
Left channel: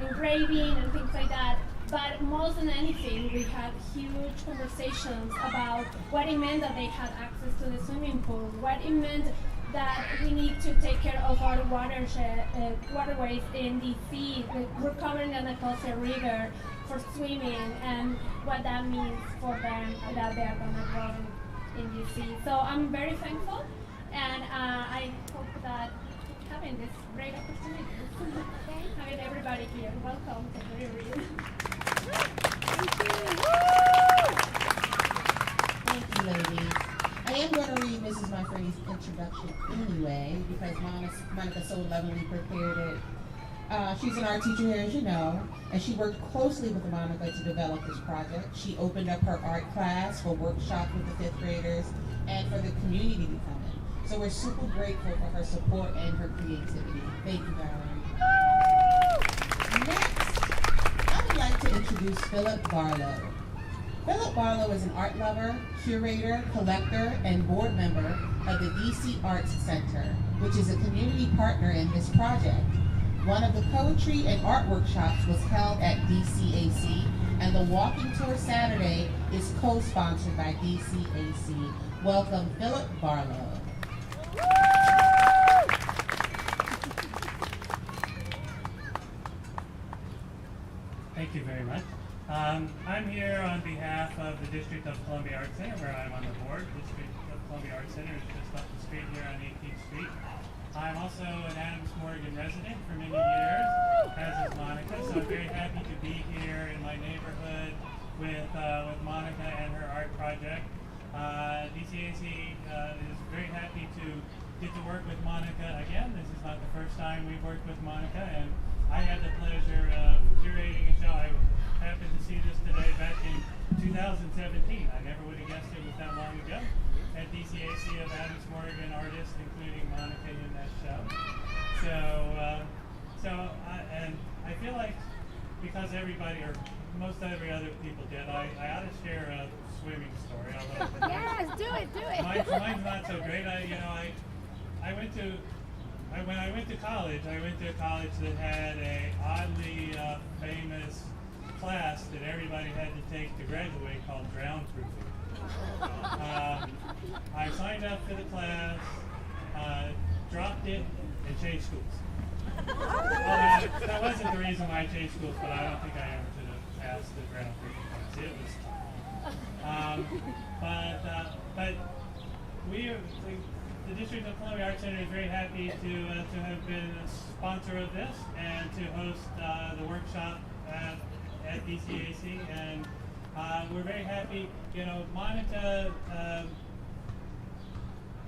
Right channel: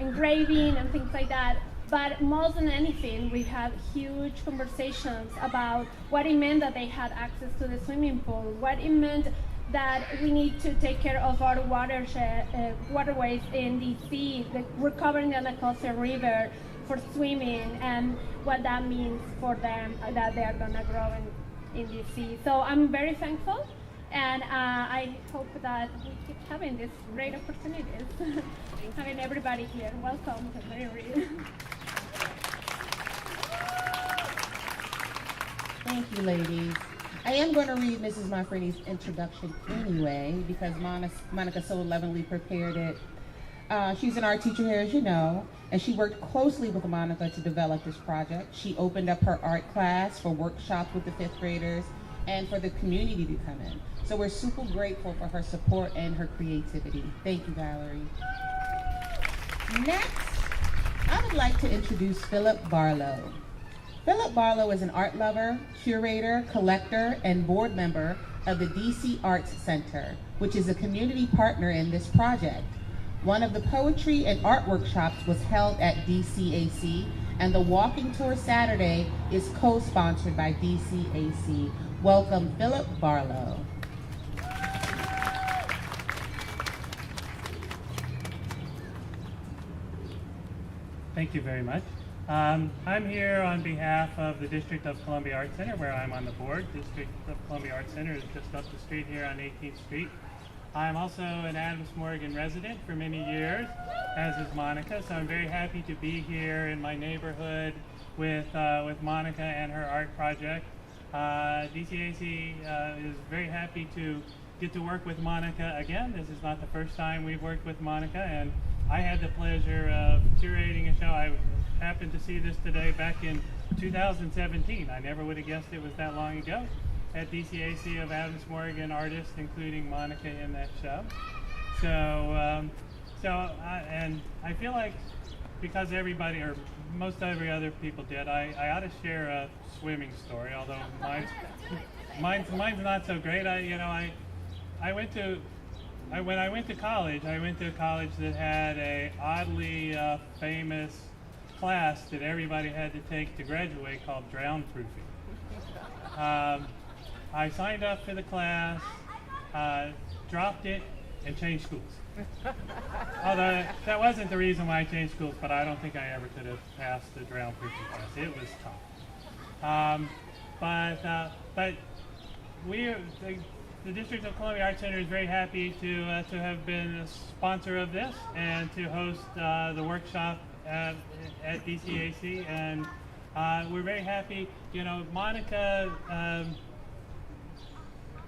engraving and things like that. But more than anything, we had huge conversations about what it meant that they had access to the swimming pool, what it meant that we need to take care of our waterways in DC, recovering the Anacostia River for swimming, and what that means for them that they're gonna grow in DC. So I'm very thankful, and I hope that we keep having these great opportunities. Having everybody here. Welcome to Curated. Thank you, ladies. I am going to read Mrs. Manfrini's introduction anyway, because Monica so lovingly prepared it. She's an art teacher here, as you know, and she worked closely with Monica to develop this project. She opened up her art class for workshops with the 5th graders and for the community to come in. So we're super grateful for her support and her creativity. Thank you, Valerie. Next, I would like to introduce Philip Barlow. Philip Barlow is an art lover, curator, collector, and board member of the DC Arts Center, which is a community partner in this project. One of the poetry and art workshops was held at DCAC, and the walking tour Saturday is co-sponsored by DCAC. Welcome, Philip Barlow. Thank you very much. I'm here on behalf of the District of Columbia Art Center, where I'm on the board. District of Columbia Art Center is just up the street here on 18th Street. I'm also an Adams Morgan resident for many years, as is Monica, so I'm very happy to be here in my neighborhood with Monica and her art project. DCAC is very happy to get to work with Monica again. This is not the first time we've worked with Monica, and I had the pleasure of curating a show. I happened to see this today back in 2017. I never would have guessed it was that long ago. At DCAC of Adams Morgan artists, including Monica in that show. And I feel like because everybody, or most every other people did, I ought to share a swimming story, although Yes, do it. mine's not so great. When I went to college, I went to a college that had a oddly famous class that everybody had to take to graduate called drown proofing. I signed up for the class, dropped it, and changed schools. Although that wasn't the reason why I changed schools, but I don't think I ever could have passed the drown proofing class. It was tough. But the District of Columbia Art Center is very happy to have been a sponsor of this and to host the workshop at DCAC, and we're very happy. Monica,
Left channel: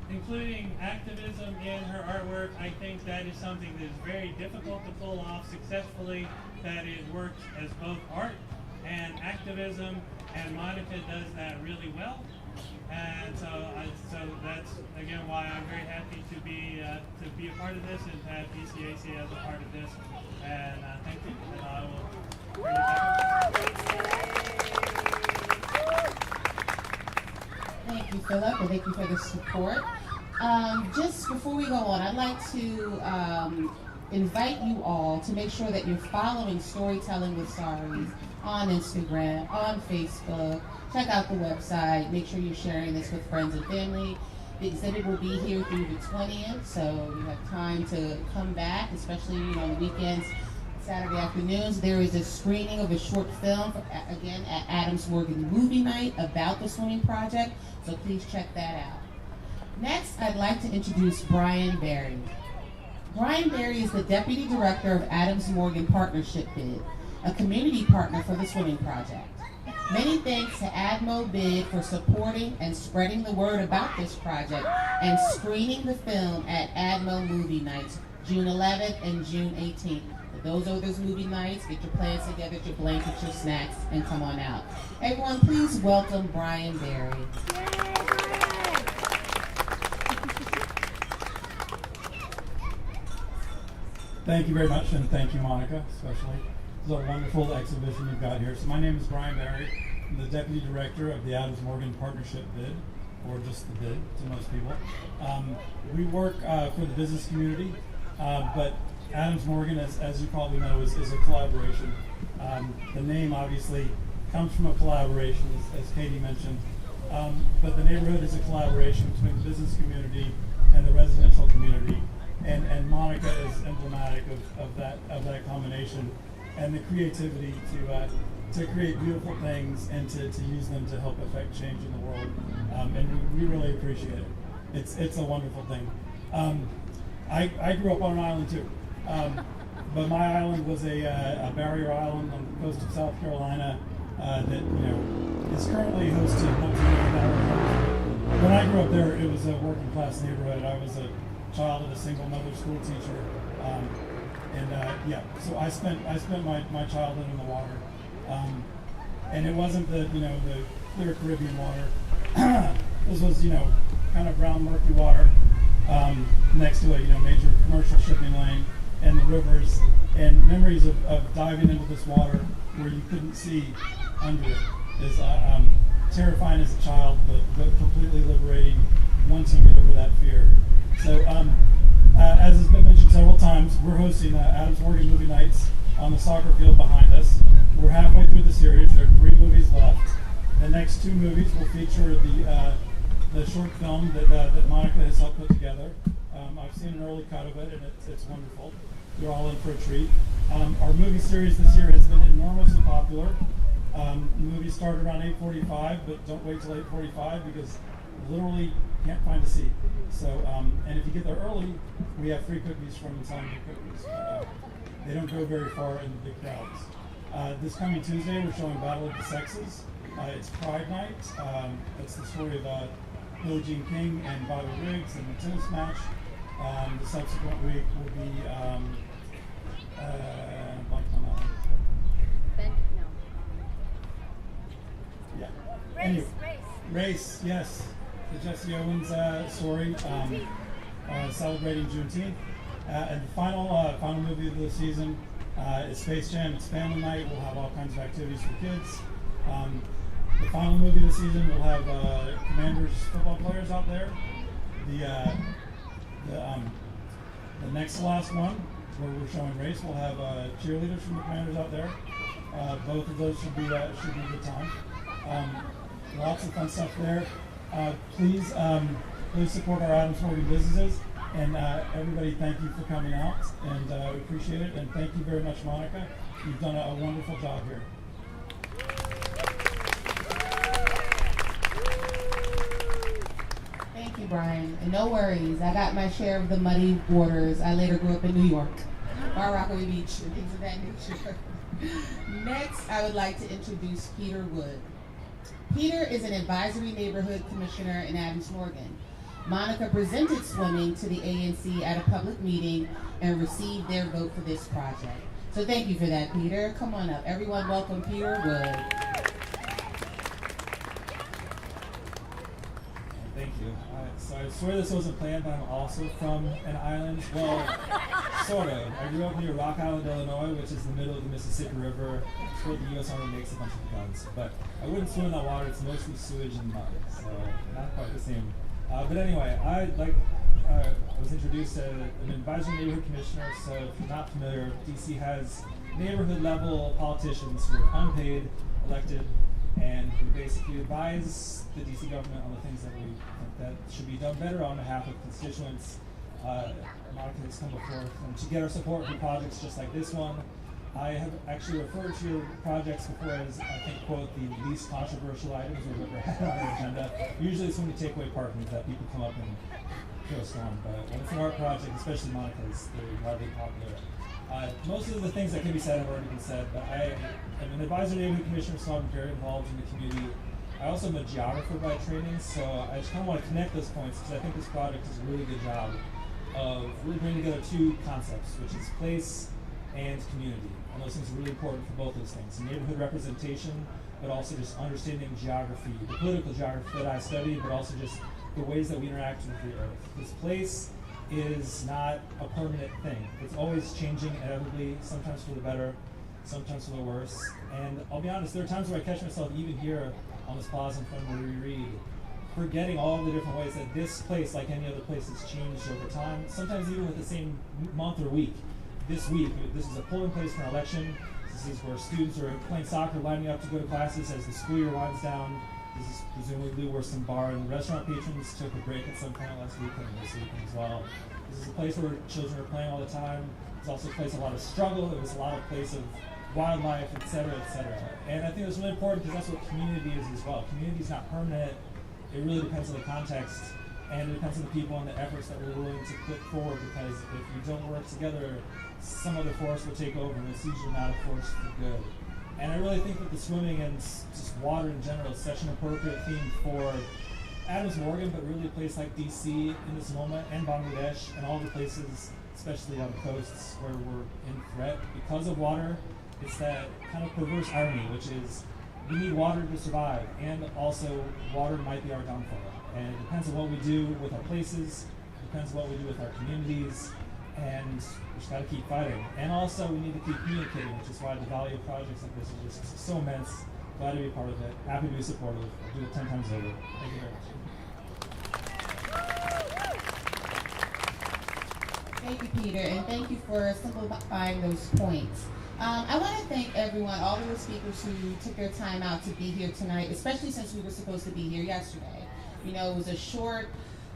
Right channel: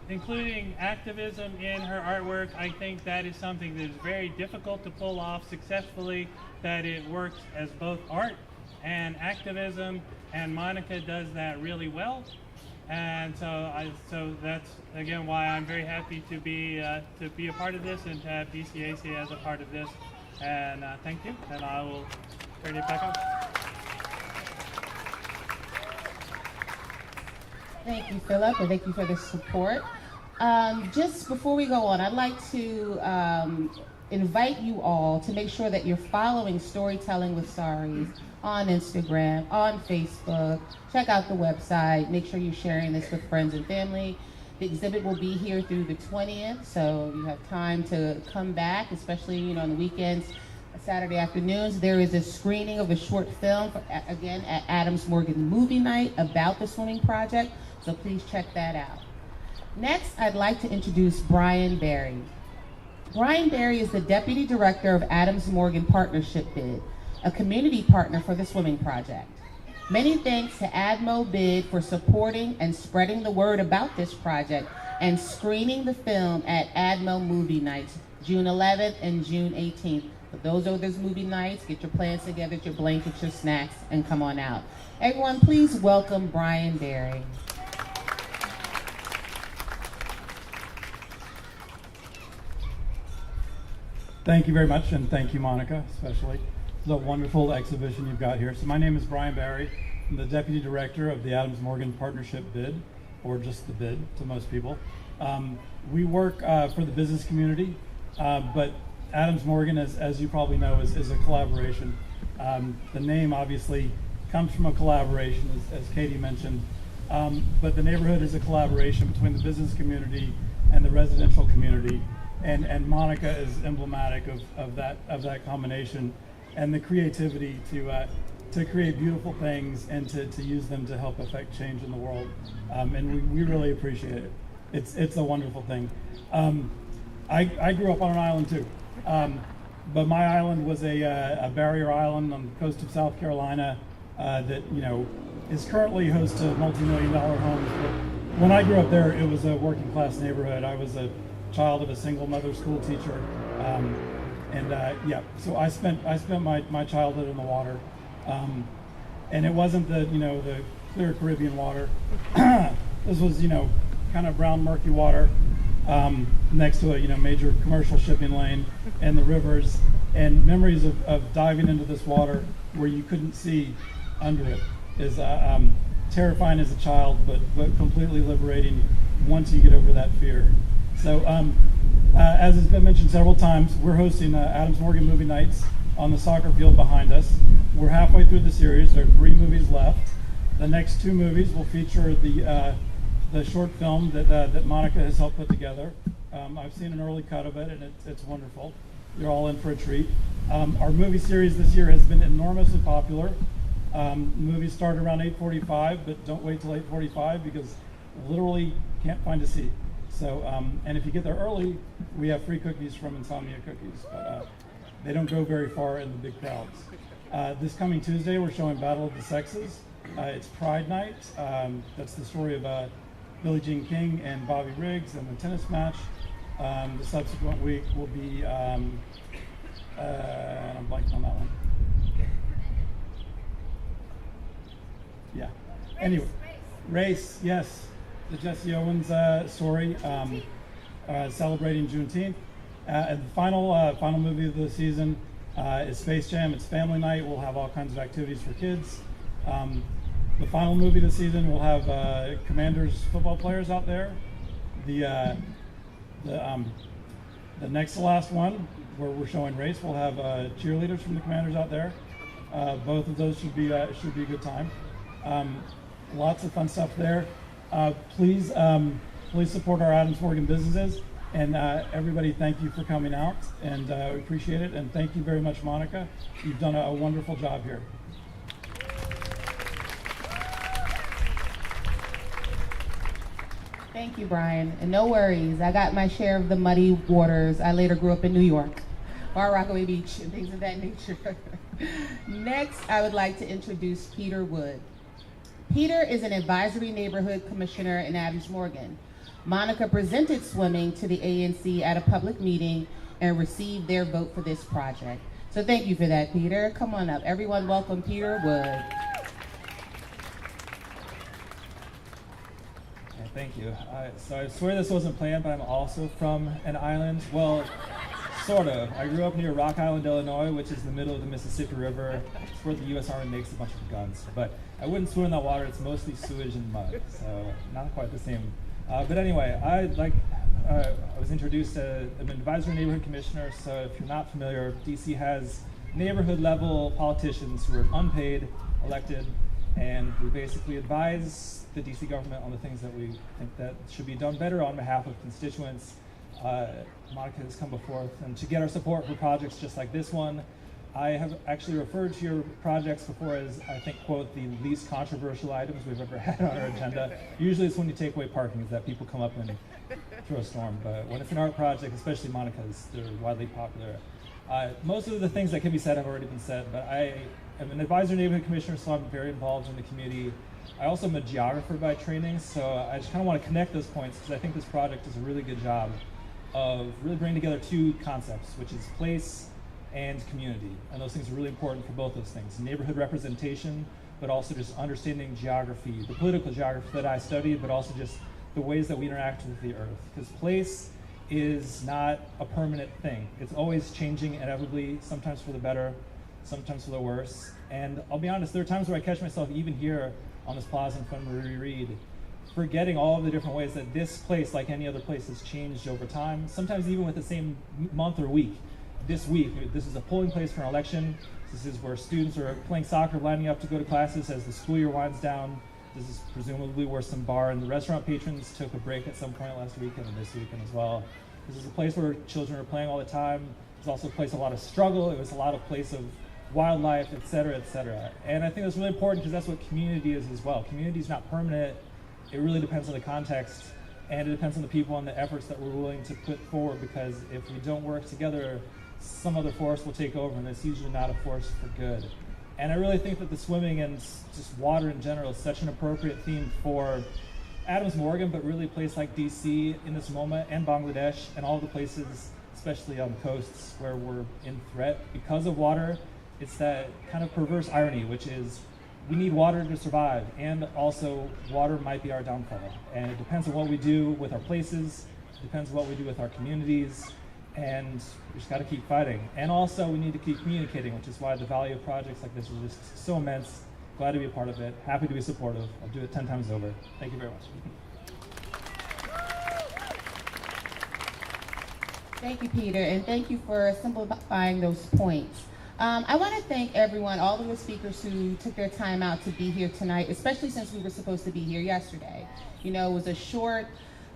including activism in her artwork, I think that is something that is very difficult to pull off successfully, that it works as both art and activism, and Monica does that really well. And so that's again why I'm very happy to be a part of this and to have DCAC as a part of this. And thank you, and I will turn it back over. Thank you, Philip, and thank you for the support. Just before we go on, I'd like to invite you all to make sure that you're following Storytelling with Saris on Instagram, on Facebook. Check out the website. Make sure you're sharing this with friends and family. The exhibit will be here through the 20th, so you have time to come back, especially on the weekends, Saturday afternoons. There is a screening of a short film, again, at Adams Morgan Movie Night about the swimming project, so please check that out. Next, I'd like to introduce Brian Berry. Brian Berry is the Deputy Director of Adams Morgan Partnership Bid, a community partner for the swimming project. Many thanks to ADMO Bid for supporting and spreading the word about this project and screening the film at ADMO Movie Nights, June 11th and June 18th. For those movie nights, get your plans together, your blankets, your snacks, and come on out. Everyone, please welcome Brian Berry. Thank you very much, and thank you, Monica, especially. It's a wonderful exhibition you've got here. So my name is Brian Berry. I'm the Deputy Director of the Adams Morgan Partnership Bid, or just the bid to most people. We work for the business community, but Adams Morgan, as you probably know, is a collaboration. The name obviously comes from a collaboration, as Katie mentioned, but the neighborhood is a collaboration between the business community and the residential community. And Monica is emblematic of that combination and the creativity to create beautiful things and to use them to help affect change in the world. And we really appreciate it. It's a wonderful thing. I grew up on an island too, but my island was a barrier island on the coast of South Carolina that is currently host to multi-million-dollar homes. But when I grew up there, it was a working class neighborhood. I was a child of a single mother school teacher, so I spent my childhood in the water, and it wasn't the clear Caribbean water. This was kind of brown murky water next to a major commercial shipping lane and the rivers, and memories of diving into this water where you couldn't see under it is terrifying as a child, but completely liberating once you get over that fear. So, as has been mentioned several times, we're hosting Adams Morgan Movie Nights on the soccer field behind us. We're halfway through the series. There are 3 movies left. The next 2 movies will feature the short film that Monica has helped put together. I've seen an early cut of it, and it's wonderful. You're all in for a treat. Our movie series this year has been enormously popular. Movies start around 8:45, but don't wait till 8:45 because literally can't find a seat. So, and if you get there early, we have free cookies from Insomnia Cookies, but they don't go very far in the big crowds. This coming Tuesday, we're showing Battle of the Sexes. It's Pride Night. That's the story of Billie Jean King and Bobby Riggs and the tennis match. The subsequent week will be, I'm blanking on that one. Yeah. Anyway, Race, yes. The Jesse Owens story, celebrating Juneteenth. And the final movie of the season is Space Jam. It's family night. We'll have all kinds of activities for kids. The final movie of the season will have Commanders football players out there. The next to last one, where we're showing Race, we'll have cheerleaders from the Commanders out there. Both of those should be a good time. Lots of fun stuff there. Please support our Adams Morgan businesses, and everybody, thank you for coming out, and we appreciate it, and thank you very much, Monica. You've done a wonderful job here. Thank you, Brian, and no worries. I got my share of the muddy waters. I later grew up in New York, Bar Rockaway Beach, and things of that nature. Next, I would like to introduce Peter Wood. Peter is an advisory neighborhood commissioner in Adams Morgan. Monica presented swimming to the ANC at a public meeting and received their vote for this project. So thank you for that, Peter. Come on up. Everyone welcome Peter Wood. Thank you. So I swear this wasn't planned, but I'm also from an island. Well, sort of. I grew up near Rock Island, Illinois, which is the middle of the Mississippi River. It's where the U.S. Army makes a bunch of guns. But I wouldn't swim in that water. It's mostly sewage and mud, so not quite the same. But anyway, I was introduced as an advisory neighborhood commissioner. So if you're not familiar, DC has neighborhood level politicians who are unpaid, elected, and we basically advise the DC government on the things that we think that should be done better on behalf of constituents. Monica has come before, and to get our support for projects just like this one. I have actually referred to your projects before as, I think, quote, the least controversial items we've ever had on our agenda. Usually it's when you take away parking that people come up and throw a storm, but when it's an art project, especially Monica's, they're widely popular. Most of the things that can be said have already been said, but I am an advisory neighborhood commissioner, so I'm very involved in the community. I also am a geographer by training, so I just kind of want to connect those points because I think this project does a really good job of really bringing together two concepts, which is place and community. And those things are really important for both those things. Neighborhood representation, but also just understanding geography, the political geography that I studied, but also just the ways that we interact with the earth. Because place is not a permanent thing. It's always changing inevitably, sometimes for the better, sometimes for the worse. And I'll be honest, there are times where I catch myself even here on this plaza in front where we read, forgetting all of the different ways that this place, like any other place, has changed over time, sometimes even with the same month or week. This week, this is a polling place for an election. This is where students are playing soccer, lining up to go to classes as the school year winds down. This is presumably where some bar and restaurant patrons took a break at some point last weekend and this weekend as well. This is a place where children are playing all the time. It's also a place of a lot of struggle. It was a lot of place of wildlife, et cetera, et cetera. And I think that's really important because that's what community is as well. Community is not permanent. It really depends on the context, and it depends on the people and the efforts that we're willing to put forward, because if we don't work together, some other force will take over, and it's usually not a force for good. And I really think that the swimming and just water in general is such an appropriate theme for Adams Morgan, but really a place like DC in this moment, and Bangladesh, and all the places, especially on the coasts, where we're in threat because of water. It's that kind of perverse irony, which is we need water to survive, and also water might be our downfall. And it depends on what we do with our places, it depends on what we do with our communities, and we just gotta keep fighting. And also we need to keep communicating, which is why the value of projects like this is just so immense. Glad to be a part of it, happy to be supportive. I'll do it 10 times over. Thank you very much. Thank you, Peter, and thank you for simplifying those points. I want to thank everyone, all of the speakers who took their time out to be here tonight, especially since we were supposed to be here yesterday. You know, it was a short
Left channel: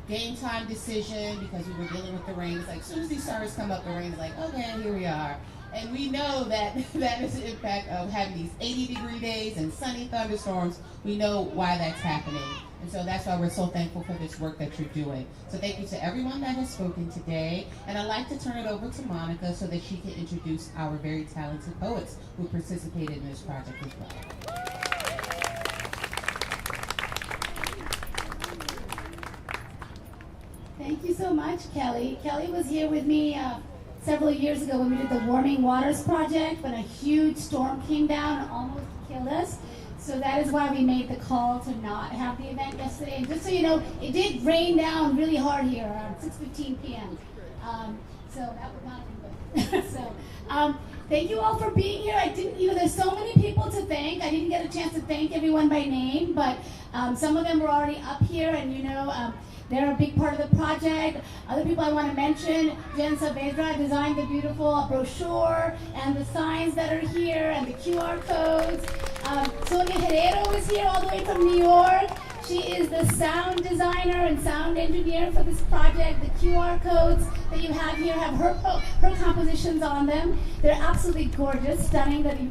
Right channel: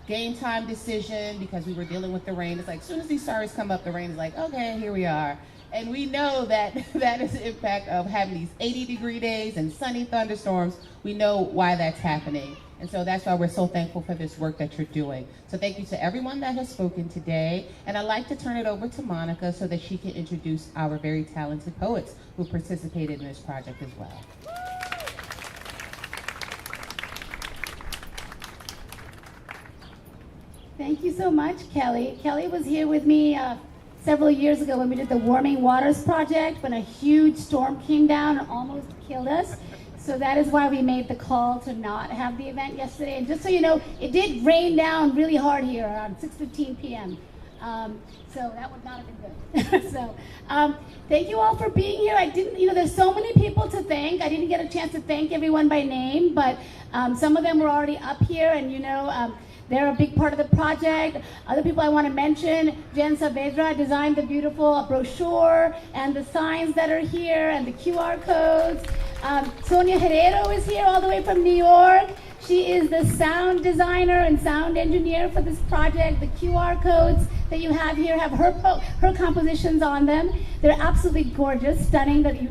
game time decision because we were dealing with the rain. It's like, as soon as these stars come up, the rain is like, okay, here we are. And we know that that is the impact of having these 80-degree days and sunny thunderstorms. We know why that's happening. And so that's why we're so thankful for this work that you're doing. So thank you to everyone that has spoken today. And I'd like to turn it over to Monica so that she can introduce our very talented poets who participated in this project as well. Thank you so much, Kelly. Kelly was here with me several years ago when we did the Warming Waters project, when a huge storm came down and almost killed us. So that is why we made the call to not have the event yesterday. And just so you know, it did rain down really hard here around 6:15 p.m. So that would not have been good. So thank you all for being here. I didn't, you know, there's so many people to thank. I didn't get a chance to thank everyone by name, but some of them were already up here, and you know, they're a big part of the project. Other people I want to mention, Jen Saavedra designed the beautiful brochure and the signs that are here and the QR codes. Sonia Herrero is here all the way from New York. She is the sound designer and sound engineer for this project. The QR codes that you have here have her compositions on them. They're absolutely gorgeous, stunning that you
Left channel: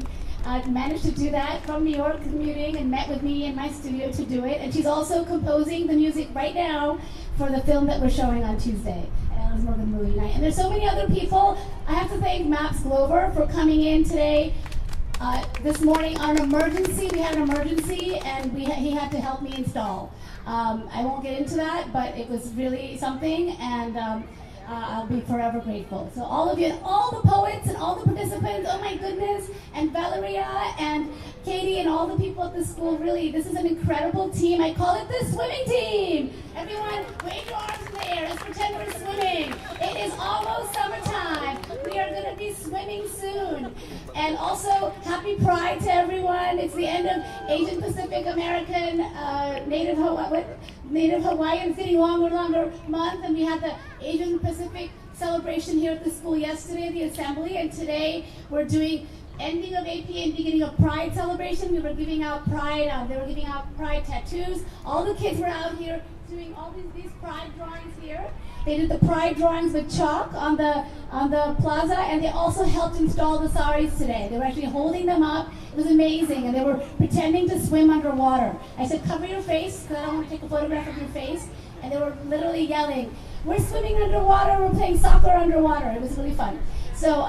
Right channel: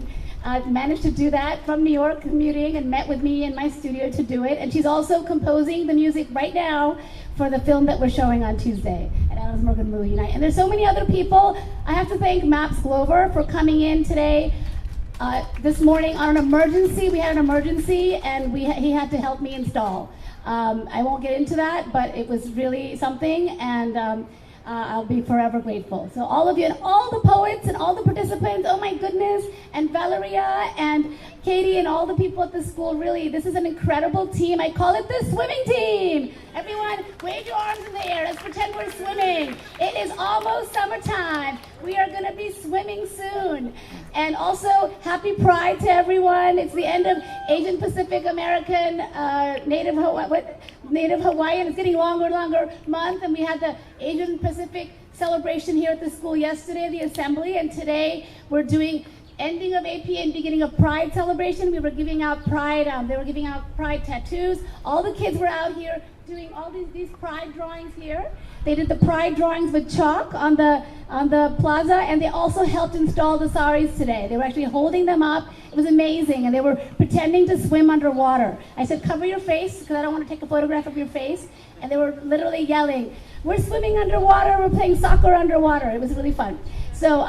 managed to do that from New York, commuting, and met with me in my studio to do it. And she's also composing the music right now for the film that we're showing on Tuesday at Adams Morgan Movie Night. And there's so many other people. I have to thank Maps Glover for coming in today. This morning on an emergency, we had an emergency, and he had to help me install. I won't get into that, but it was really something, and I'll be forever grateful. So all of you and all the poets and all the participants, oh my goodness, and Valeria and Katie and all the people at the school, really, this is an incredible team. I call it the swimming team. Everyone, wave your arms in the air. Let's pretend we're swimming. It is almost summertime. we are going to be swimming soon. And also, happy Pride to everyone. It's the end of Asian Pacific American Native Hawaiian. It's getting longer and longer month, and we had the Asian Pacific celebration here at the school yesterday, the assembly, and today we're doing ending of AP and beginning of Pride celebration. We were giving out Pride, they were giving out Pride tattoos. All the kids were out here doing all these Pride drawings here. They did the Pride drawings with chalk on the plaza, and they also helped install the saris today. They were actually holding them up. It was amazing, and they were pretending to swim underwater. I said, cover your face, because I don't want to take a photograph of your face. And they were literally yelling, we're swimming underwater, we're playing soccer underwater. It was really fun. So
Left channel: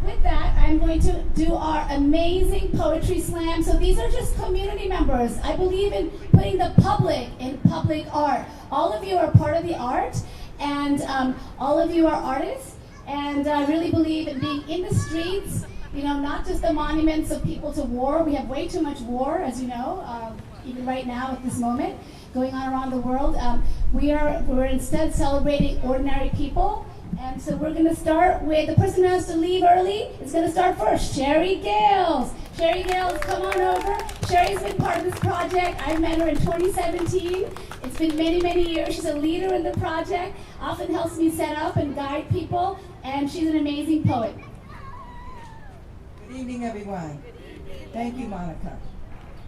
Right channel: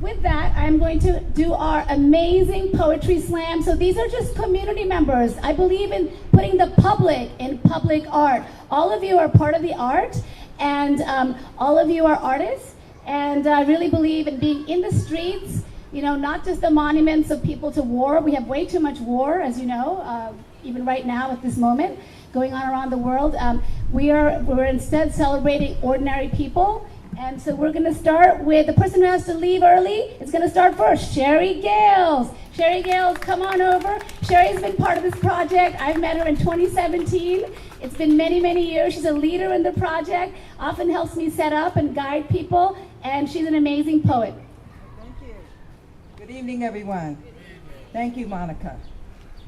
with that, I'm going to do our amazing poetry slam. So these are just community members. I believe in putting the public in public art. All of you are part of the art, and all of you are artists. And I really believe in being in the streets, you know, not just the monuments of people to war. We have way too much war, as you know, even right now at this moment, going on around the world. We're instead celebrating ordinary people. And so we're going to start with the person who has to leave early. Is going to start first, Sherry Gales. Sherry Gales, come on over. Sherry's been part of this project. I met her in 2017. It's been many, many years. She's a leader in the project, often helps me set up and guide people, and she's an amazing poet. Thank you. Good evening, everyone. Thank you, Monica.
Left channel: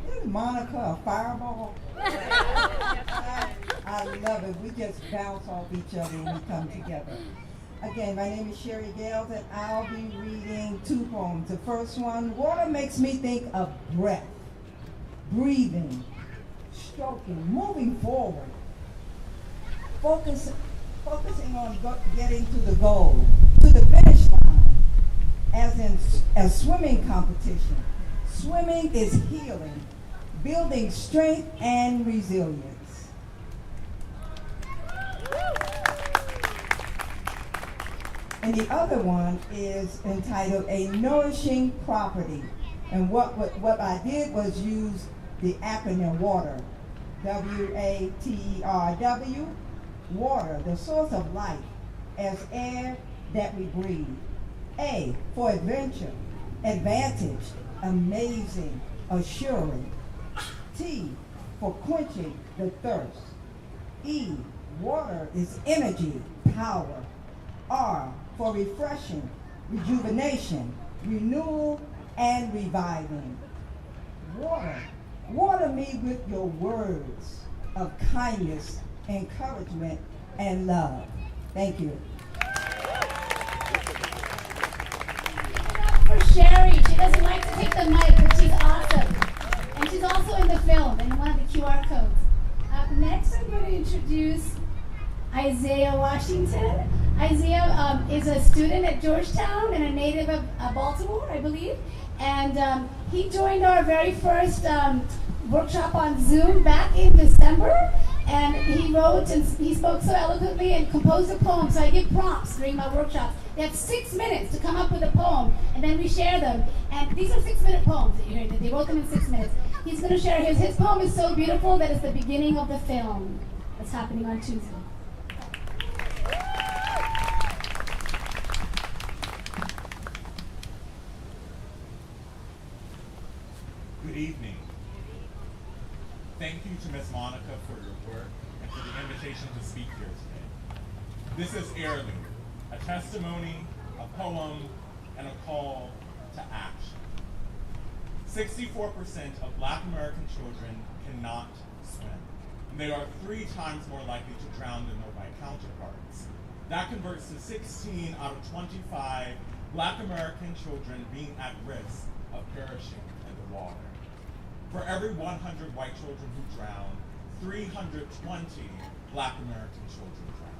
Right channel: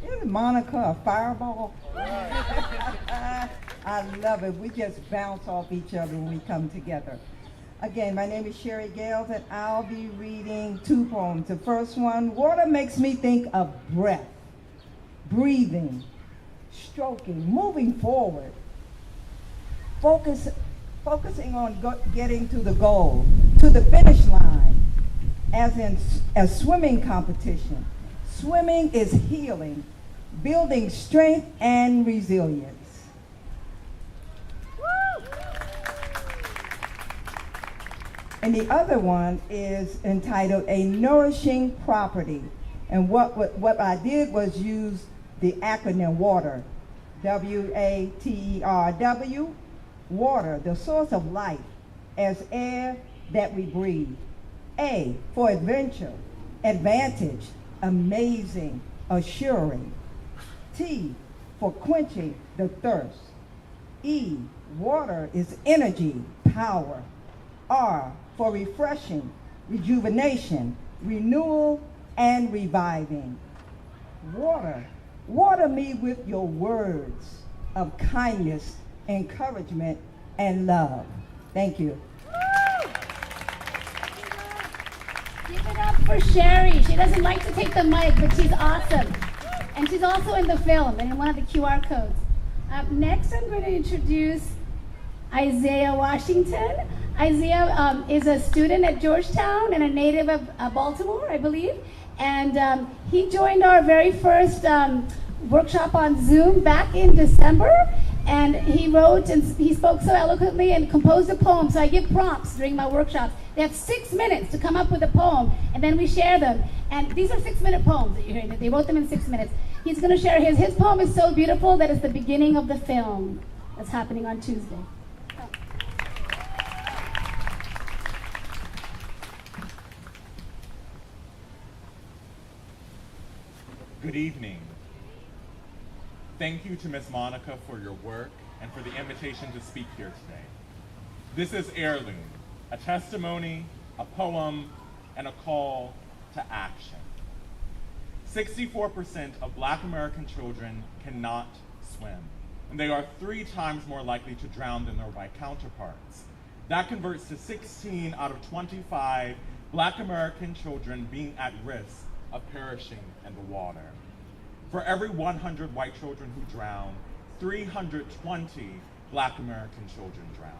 Isn't Monica a fireball? I love it. We just bounce off each other when we come together. Again, my name is Sherry Gales, and I'll be reading two poems. The first one, water makes me think of breath, breathing, stroking, moving forward, focusing on getting to the goal, to the finish line, as in a swimming competition. Swimming is healing, building strength and resilience. And the other one is entitled A Nourishing Property. And what I did was use the acronym WATER, W-A-T-E-R-W, water, the source of life, as air that we breathe. A, for adventure, advantage, amazing, assuring. T, for quenching the thirst. E, water is energy, power. R, for refreshing, rejuvenation, renewal, and reviving. Water me with your words of kindness, encouragement, and love. Thank you. Give it up for Sherry. She doesn't like to take the mic, but she's awesome. And she's also in the film and in one of the QR codes. Next, I'm going to introduce Isaiah Washington. Isaiah is a student at Georgetown and a native of Baltimore, I believe. And he joined our very first workshop on Zoom back in December. And he wrote and he spoke so eloquently and composed a poem. So I give prompts during my workshops. They have 6 minutes to come up with a poem, and then we share them. And these are 6-minute poems that you're hearing. They wrote them in 6 minutes. He's going to share his. His poem is so beautiful that it's the beginning of the film that's happening on Tuesday. Good evening. Thank you to Ms. Monica for your work and for the invitation to speak here today. This is Heirloom, a testimony, a poem, and a call to action. 64% of Black American children cannot swim, and they are 3 times more likely to drown than their white counterparts. That converts to 16 out of 25 Black American children being at risk of perishing in the water. For every 100 white children who drown, 320 Black American children drown.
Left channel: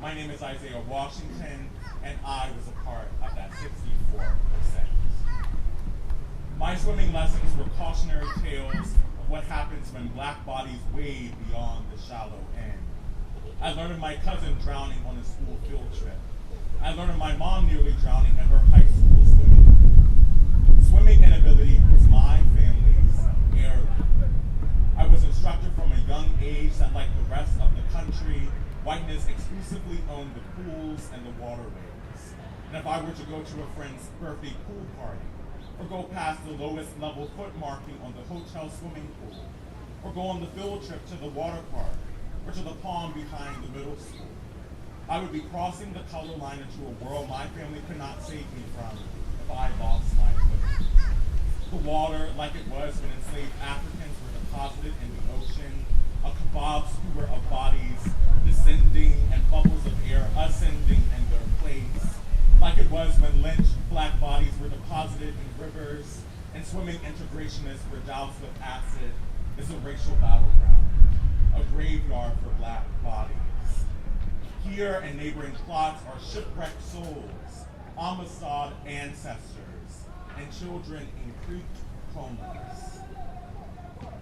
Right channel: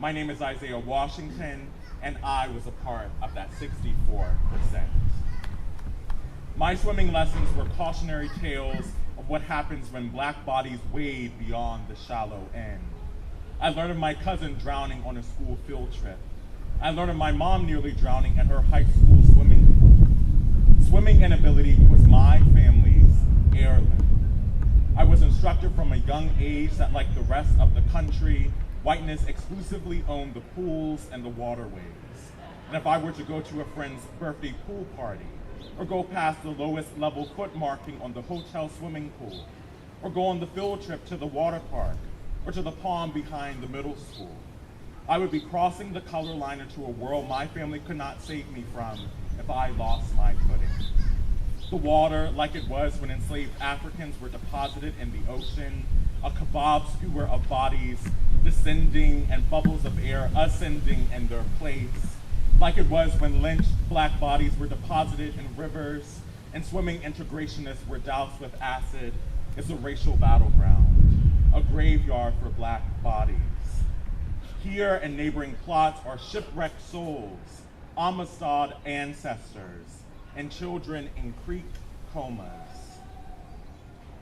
My name is Isaiah Washington, and I was a part of that 64%. My swimming lessons were cautionary tales of what happens when Black bodies wade beyond the shallow end. I learned of my cousin drowning on a school field trip. I learned of my mom nearly drowning at her high school swimming pool. Swimming inability was my family's heirloom. I was instructed from a young age that, like the rest of the country, whiteness exclusively owned the pools and the waterways. And if I were to go to a friend's birthday pool party, or go past the lowest level foot marking on the hotel swimming pool, or go on the field trip to the water park, or to the pond behind the middle school, I would be crossing the color line into a world my family could not save me from if I lost my footing. The water, like it was when enslaved Africans were deposited in the ocean, a kebab skewer of bodies descending and bubbles of air ascending in their place, like it was when lynched black bodies were deposited in rivers and swimming integrationists were doused with acid, is a racial battleground, a graveyard for black bodies. Here and neighboring plots are shipwrecked souls, Amistad ancestors, and children in creek comas.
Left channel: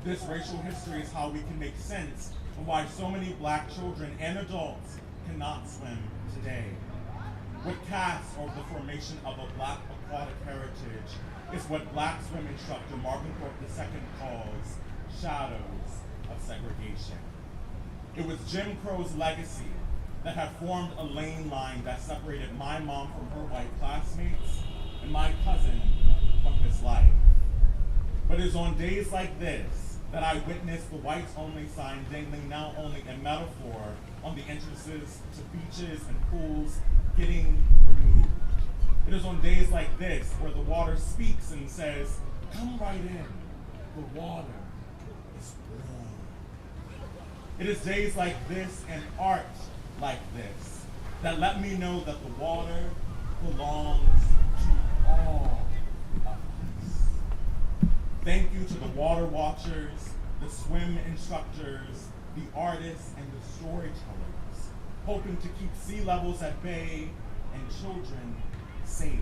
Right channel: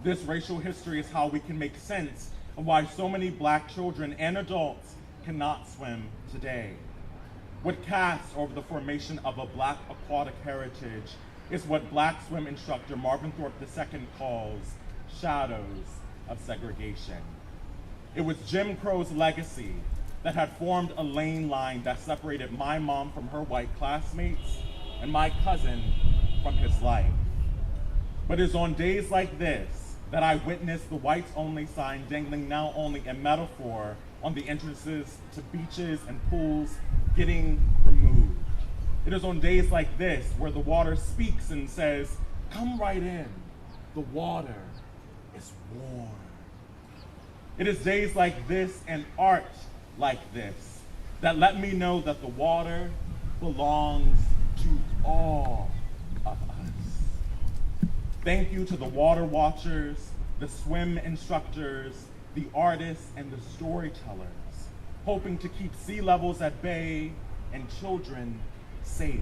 This racial history is how we can make sense of why so many black children and adults cannot swim today. What casts over the formation of a black aquatic heritage is what black swim instructor Marvin Thorpe II calls shadows of segregation. It was Jim Crow's legacy that had formed a lane line that separated my mom from her white classmates and my cousin from his life. But it's on days like this that I witnessed the whites only sign dangling now only in metaphor on the entrances to beaches and pools getting removed. It is on days like this where the water speaks and says, come right in, the water is warm. It is days like this and art like this that let me know that the water belongs to all of us. Thank you to the water watchers, the swim instructors, the artists, and the storytellers, hoping to keep sea levels at bay and children safe.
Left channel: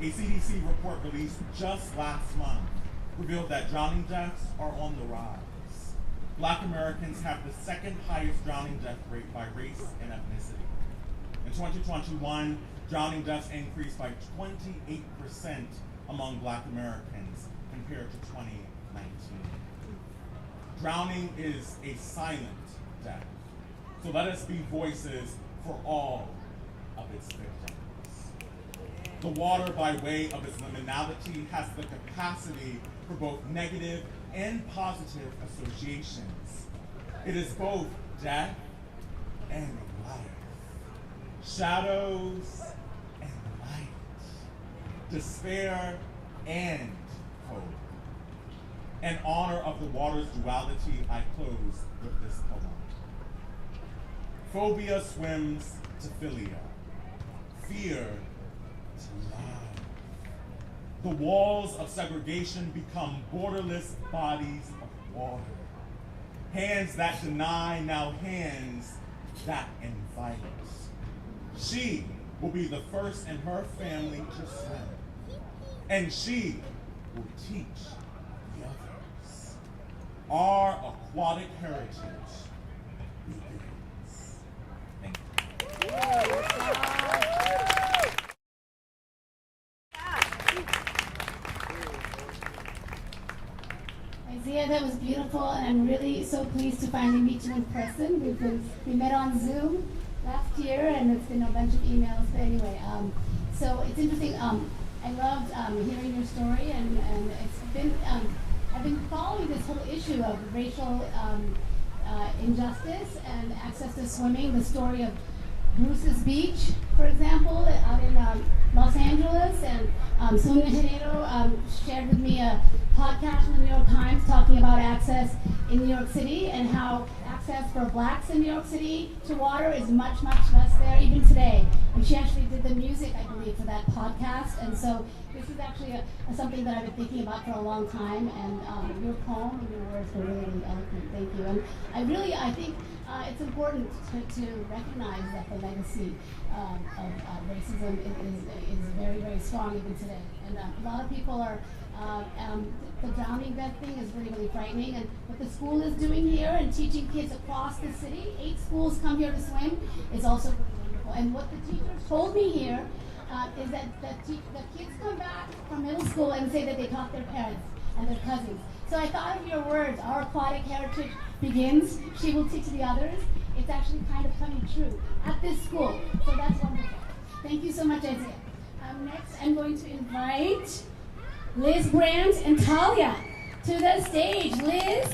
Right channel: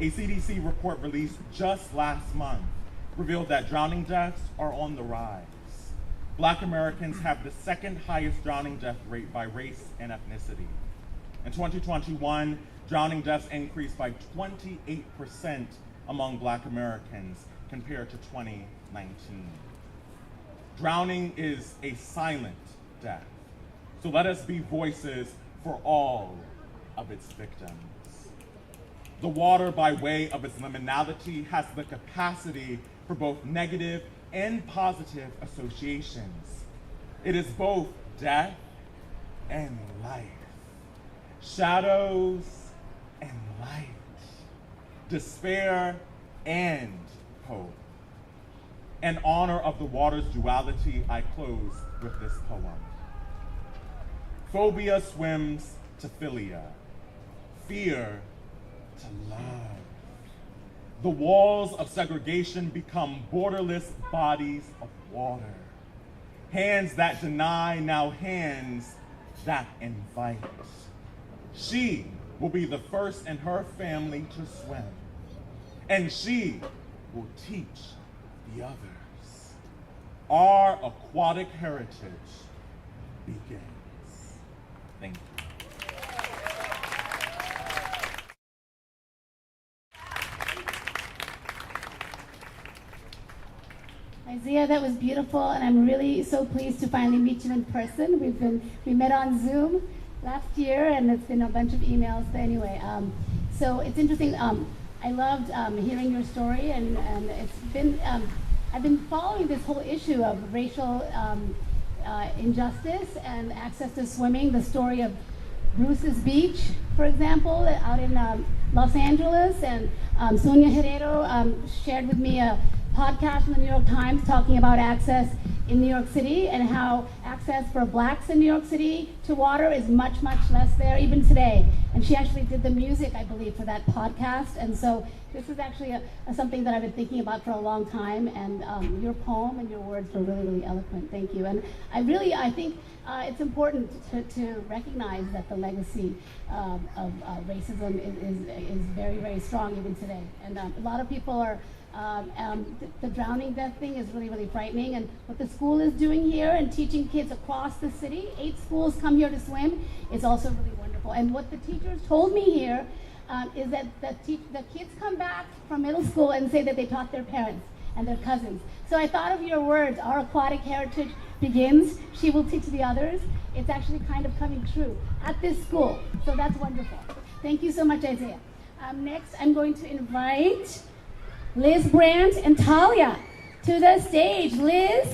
A CDC report released just last month revealed that drowning deaths are on the rise. Black Americans have the second highest drowning death rate by race and ethnicity. In 2021, drowning deaths increased by 28% among Black Americans compared to 2019. Drowning is a silent death, so let us be voices for all of its victims. The water, by way of its liminality, has the capacity for both negative and positive associations. It is both death and life, shadows and light, despair and hope. In honor of the water's duality, I close with this poem. Phobia swims to philia, fear to love. The walls of segregation become borderless bodies of water. Hands that deny, now hands that invite. She will be the first in her family to swim, and she will teach the others. Our aquatic heritage begins. Thank you. Isaiah, that was beautiful, and I'm really so pleased to finally meet you in person. We met on Zoom last year, and it's been a bunch of emails. But anyway, so it's interesting. I loved hearing your story, and it's been I've been following this whole issue of racial injustice and access to swimming. The story of Bruce's Beach, for example, out in Los Angeles, and Sonia Herrero shared with me a podcast from the New York Times talking about access in New York City and how access for blacks in New York City to water is much, much less there even today. And she actually did the music, I believe, for that podcast. And so this is actually something that I've been thinking about for a long time. And your poem and your words were really, really eloquent. Thank you. And I think it's important to recognize that the legacy of racism is very, very strong even today. And a lot of people are the drowning death thing is really, really frightening. And what the school is doing here and teaching kids across the city, 8 schools come here to swim, is also really wonderful. And what the teachers told me here is that the kids come back from middle school and say that they taught their parents and their cousins. So I thought of your words, our aquatic heritage begins, she will teach the others. It's actually kind of coming true at this school. So that's wonderful. Thank you so much, Isaiah. Next, I'm going to invite Liz Brandt and Talia to the stage. Liz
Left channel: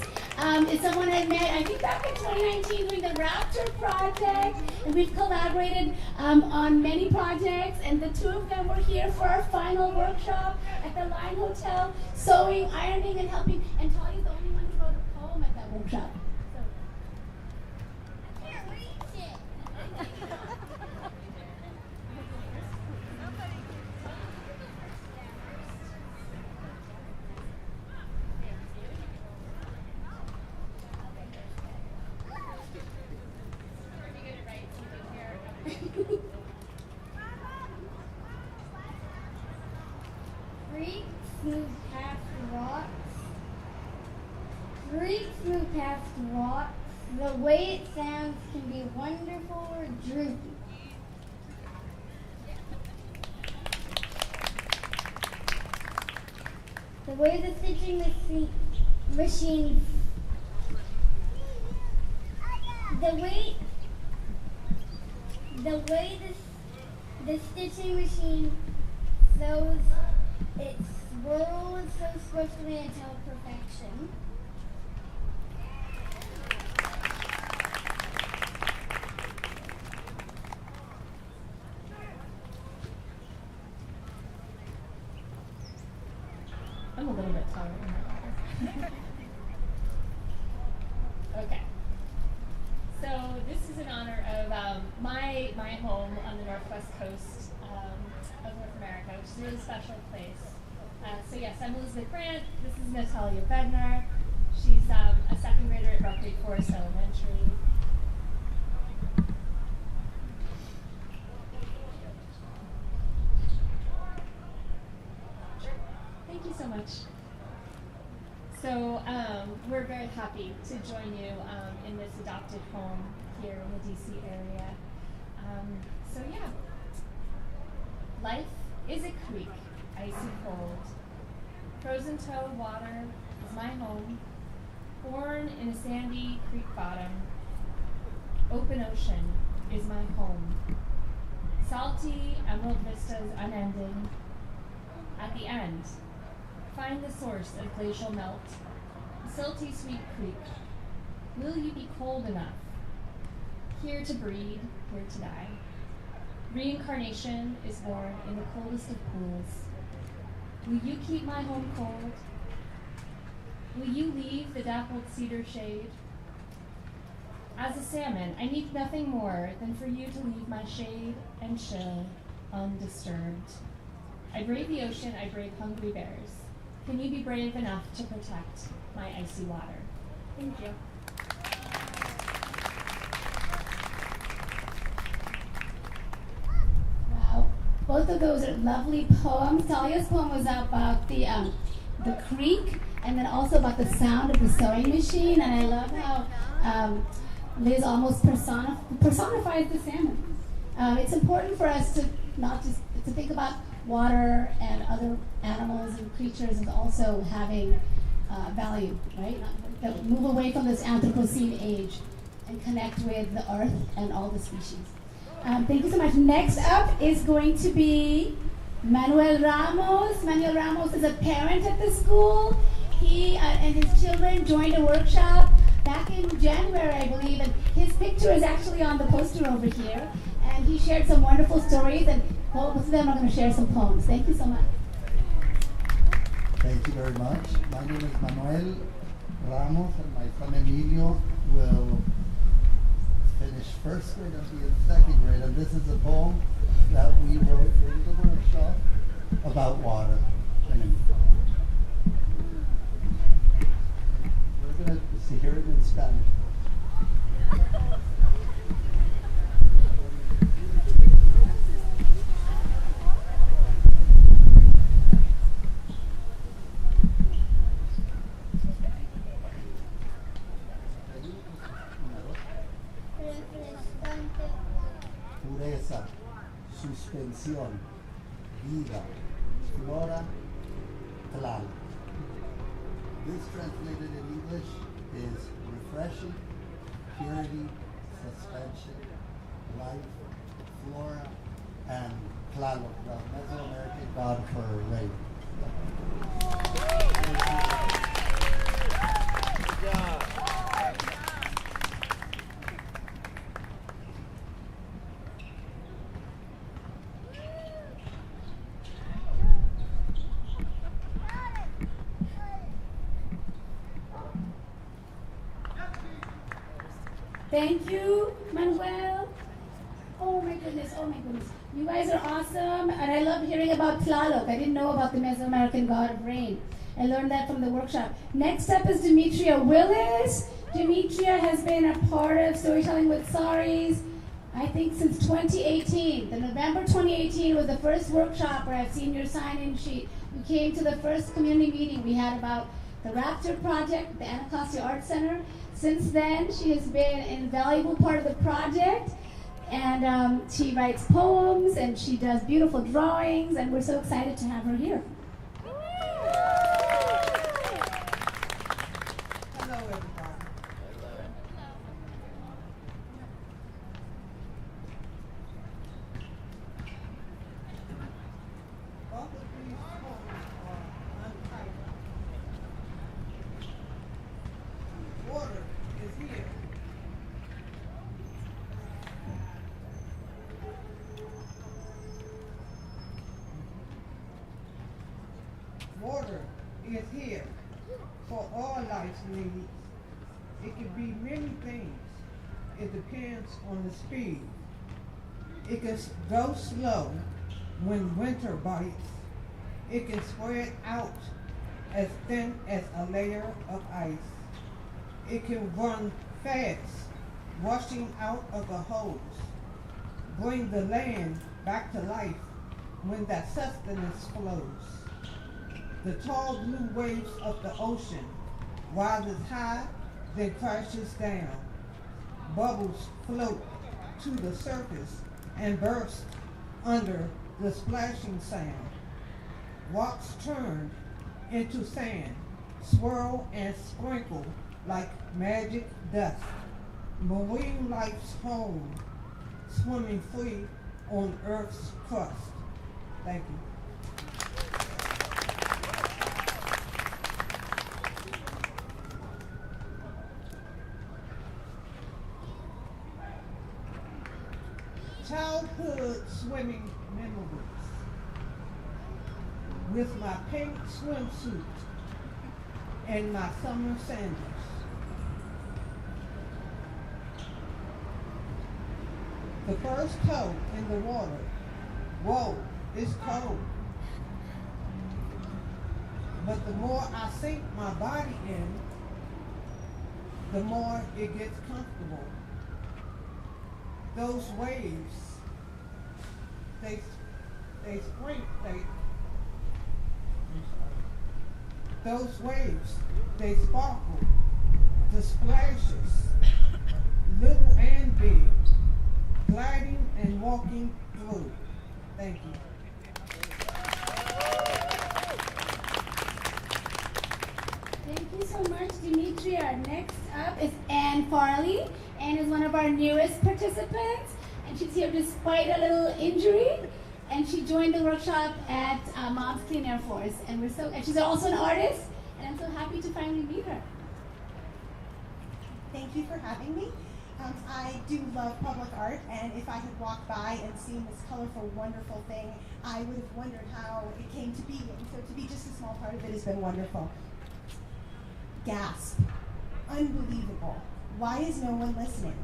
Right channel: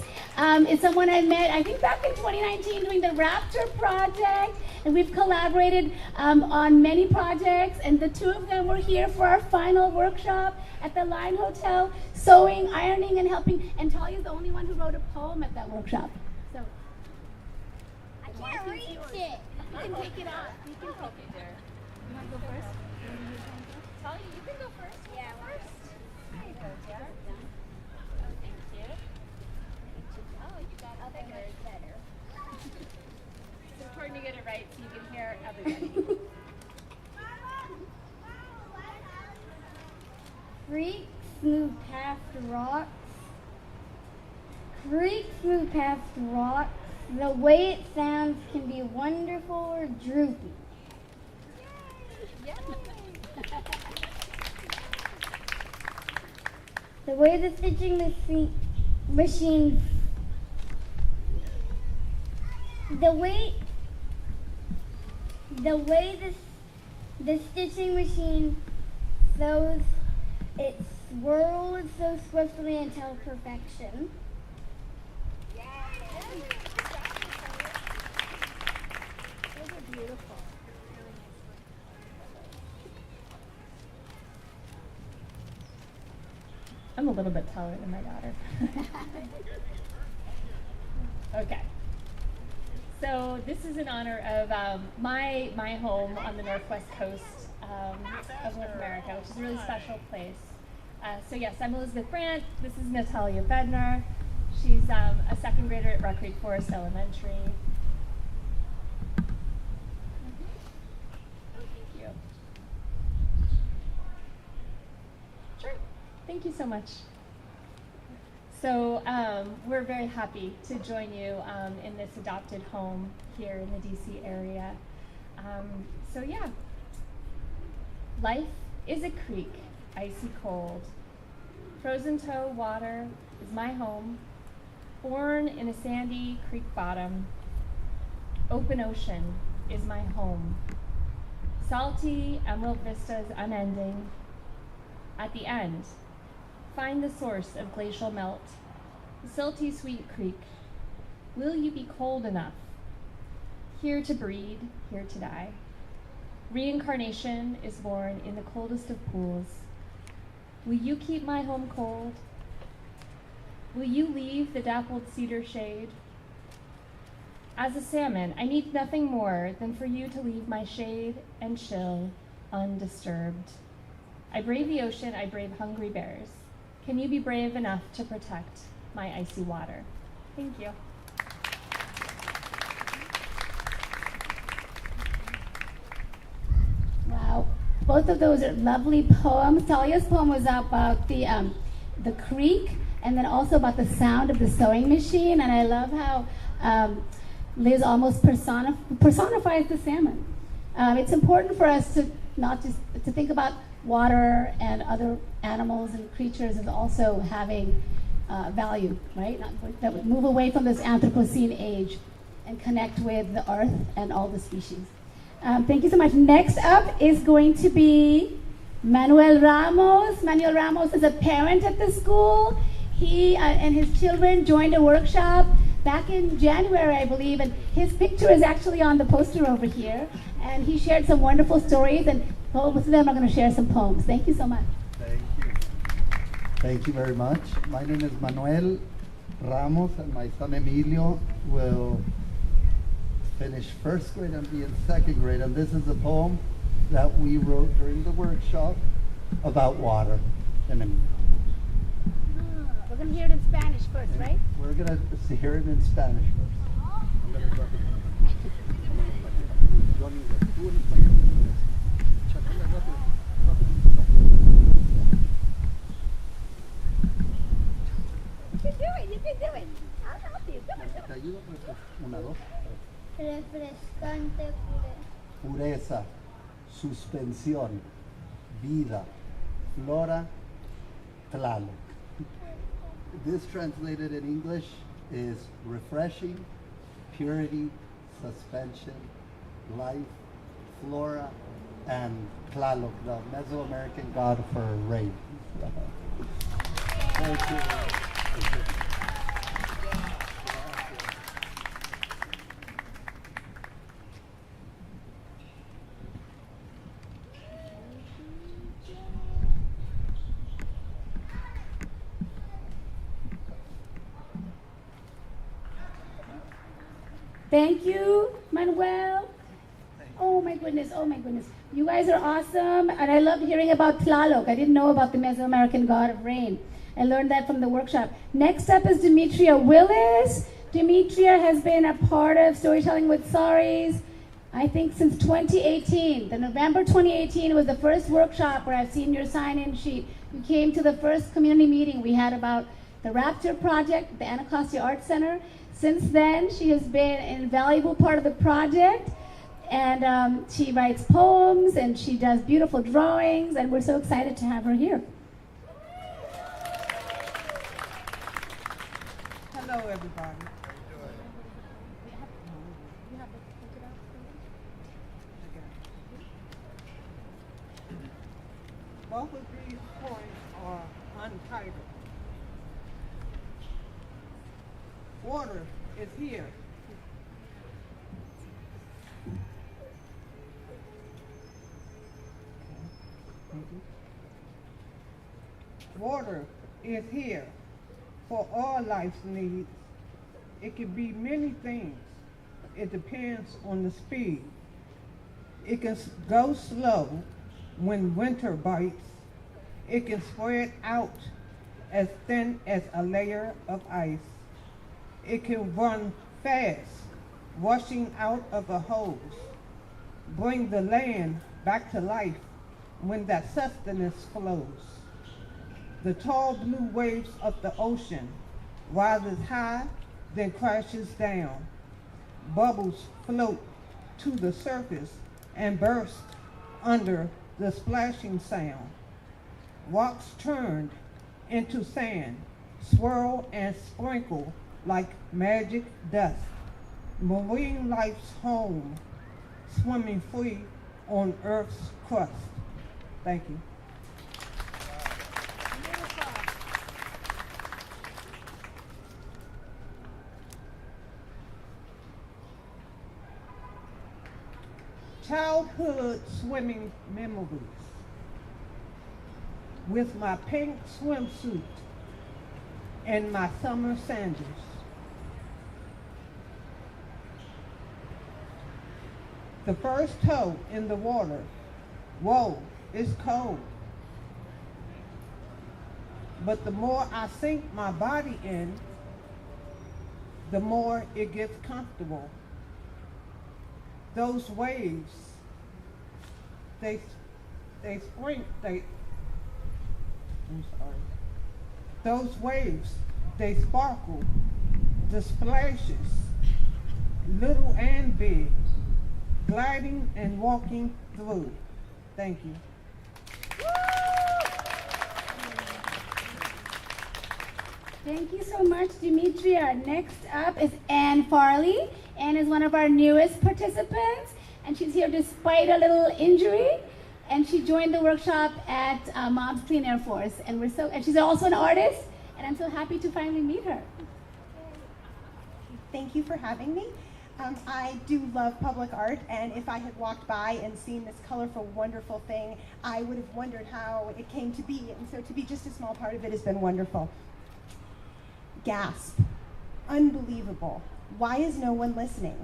is someone I met, I think back in 2019 doing the Raptor project, and we've collaborated on many projects, and the two of them were here for our final workshop at the Line Hotel, sewing, ironing, and helping, and Talia's the only one who wrote a poem at that workshop. So, I can't reach it. You can take it off. You can help me there. You want to go first? Talia, you can go first. Yeah, first. It's important to get it right so you can hear everybody. Creeks move past rocks. Creeks move past rocks. The way it sounds can be wonderful or droopy. The way the stitching machine the stitching machine sews, it swirls so swiftly until perfection. I'm a little bit taller than my daughter. Okay. So this is in honor of my home on the northwest coast of North America, which is a really special place. So yes, I'm Elizabeth Brandt. This is Natalia Bednar. She's a second grader at Rock Creek Forest Elementary. Sure. Thank you so much. So we're very happy to join you in this adopted home here in the DC area. So yeah, life is a creek, icy cold. Frozen toe water is my home, born in a sandy creek bottom. Open ocean is my home. Salty emerald vistas unending. At the end, find the source of glacial melt, the silty sweet creek. Will you be cold enough? Here to breed, here to die. Reincarnation is born in the coldest of pools. Will you keep my home cold? Will you leave the dappled cedar shade? As a salmon, I need nothing more than for you to leave my shade and chill undisturbed. I brave the ocean, I brave hungry bears. Can you be brave enough to protect my icy water? Thank you. Wow, both of those are lovely poems. Talia's poem was about the creek, and then also about the sound of the sewing machine. And I love how Liz almost personifies the salmon. It's important for us to not just to think about water and other animals and creatures as also having value, right? That would move away from this Anthropocene age and connect with the earth and all the species. Thank you so much. Next up is going to be Manuel Ramos. Manuel Ramos is a parent at the school. He and his children joined a workshop back in January, I believe, and his picture is actually on the poster over here. And he shared some wonderful stories, and both of them are going to share some poems. Thank you so much. Thank you very much. My name is Manuel Ramos, and my son Emilio will finish first grade and be in second grade. And this is a poem that we wrote during the workshop about water. We're going to hear it in Spanish first, right? We're going to hear it in Spanish first. Refrescante Pureza, suspensión, vida, flora, tlal. This translated in English is refreshing, purity, suspension, life, flora, and Tlaloc, the Mesoamerican god for rain. Thank you. Thank you, Manuel. Oh my goodness, oh my goodness. You guys are awesome, and I love hearing about Tlaloc. I didn't know about the Mesoamerican god of rain. I learned that from the workshop. Next up is Demetria Willis. Demetria has been a part of Storytelling with Saris, I think since 2018. The November 2018 was the first workshop where I've seen your sign-in sheet. You came to the first community meeting we had about the Raptor project at the Anacostia Art Center. Since then, she has been an invaluable part of the project, and she writes poems, and she does beautiful drawings, and we're so excited to have her here. Hello, everybody. Both of these poems are untitled. Water is here. Water is here for all life's needs. It can be many things. It depends on the speed. It can go slow when winter bites. It can spread out as thin as a layer of ice. It can run fast, rushing out of a hose. Bring the land back to life when that sustenance flows. The tall blue waves of the ocean rises high, then crashes down. Bubbles float to the surface and burst under the splashing sound. Rocks turned into sand, swirl and sprinkle like magic dust. Marine life's home, swimming free on Earth's crust. Thank you. Childhood swimming memories. With my pink swimsuit and my summer sandals. The first toe in the water. Whoa, it's cold. But the more I sink my body in, the more it gets comfortable. Those waves, I'm sorry. Those waves, they sparkle, the splashes, little and big, gliding and walking through. Thank you. Thank you so much, Demetria. Next up is Anne Farley. Anne is one of our newest participants, and she's here despite a little injury. And she joined the workshop at Mom's Clean Air Force, and she's also an artist, and I'm so happy to finally meet her. Thank you for having me. I do love public art, and if I had walked by and seen this colorful, wonderful thing, I would have wondered how it came to be, and so to be just a small part of it has been wonderful. Gasp. Unbelievable. Why is no one listening?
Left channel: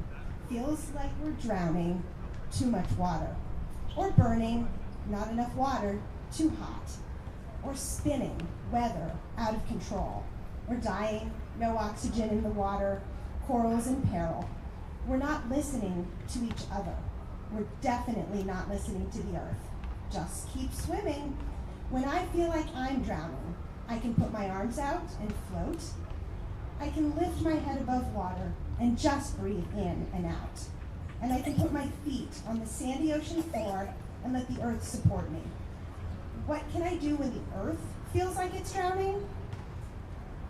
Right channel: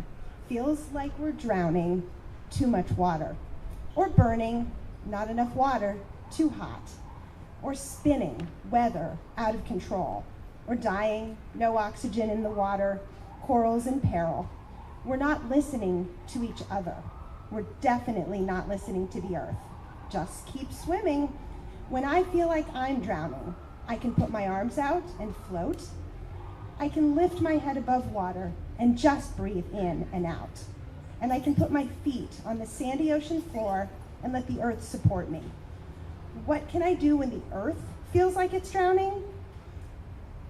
Feels like we're drowning, too much water. Or burning, not enough water, too hot. Or spinning, weather, out of control. Or dying, no oxygen in the water, corals in peril. We're not listening to each other. We're definitely not listening to the earth. Just keep swimming. When I feel like I'm drowning, I can put my arms out and float. I can lift my head above water and just breathe in and out. And I can put my feet on the sandy ocean floor and let the earth support me. What can I do when the earth feels like it's drowning?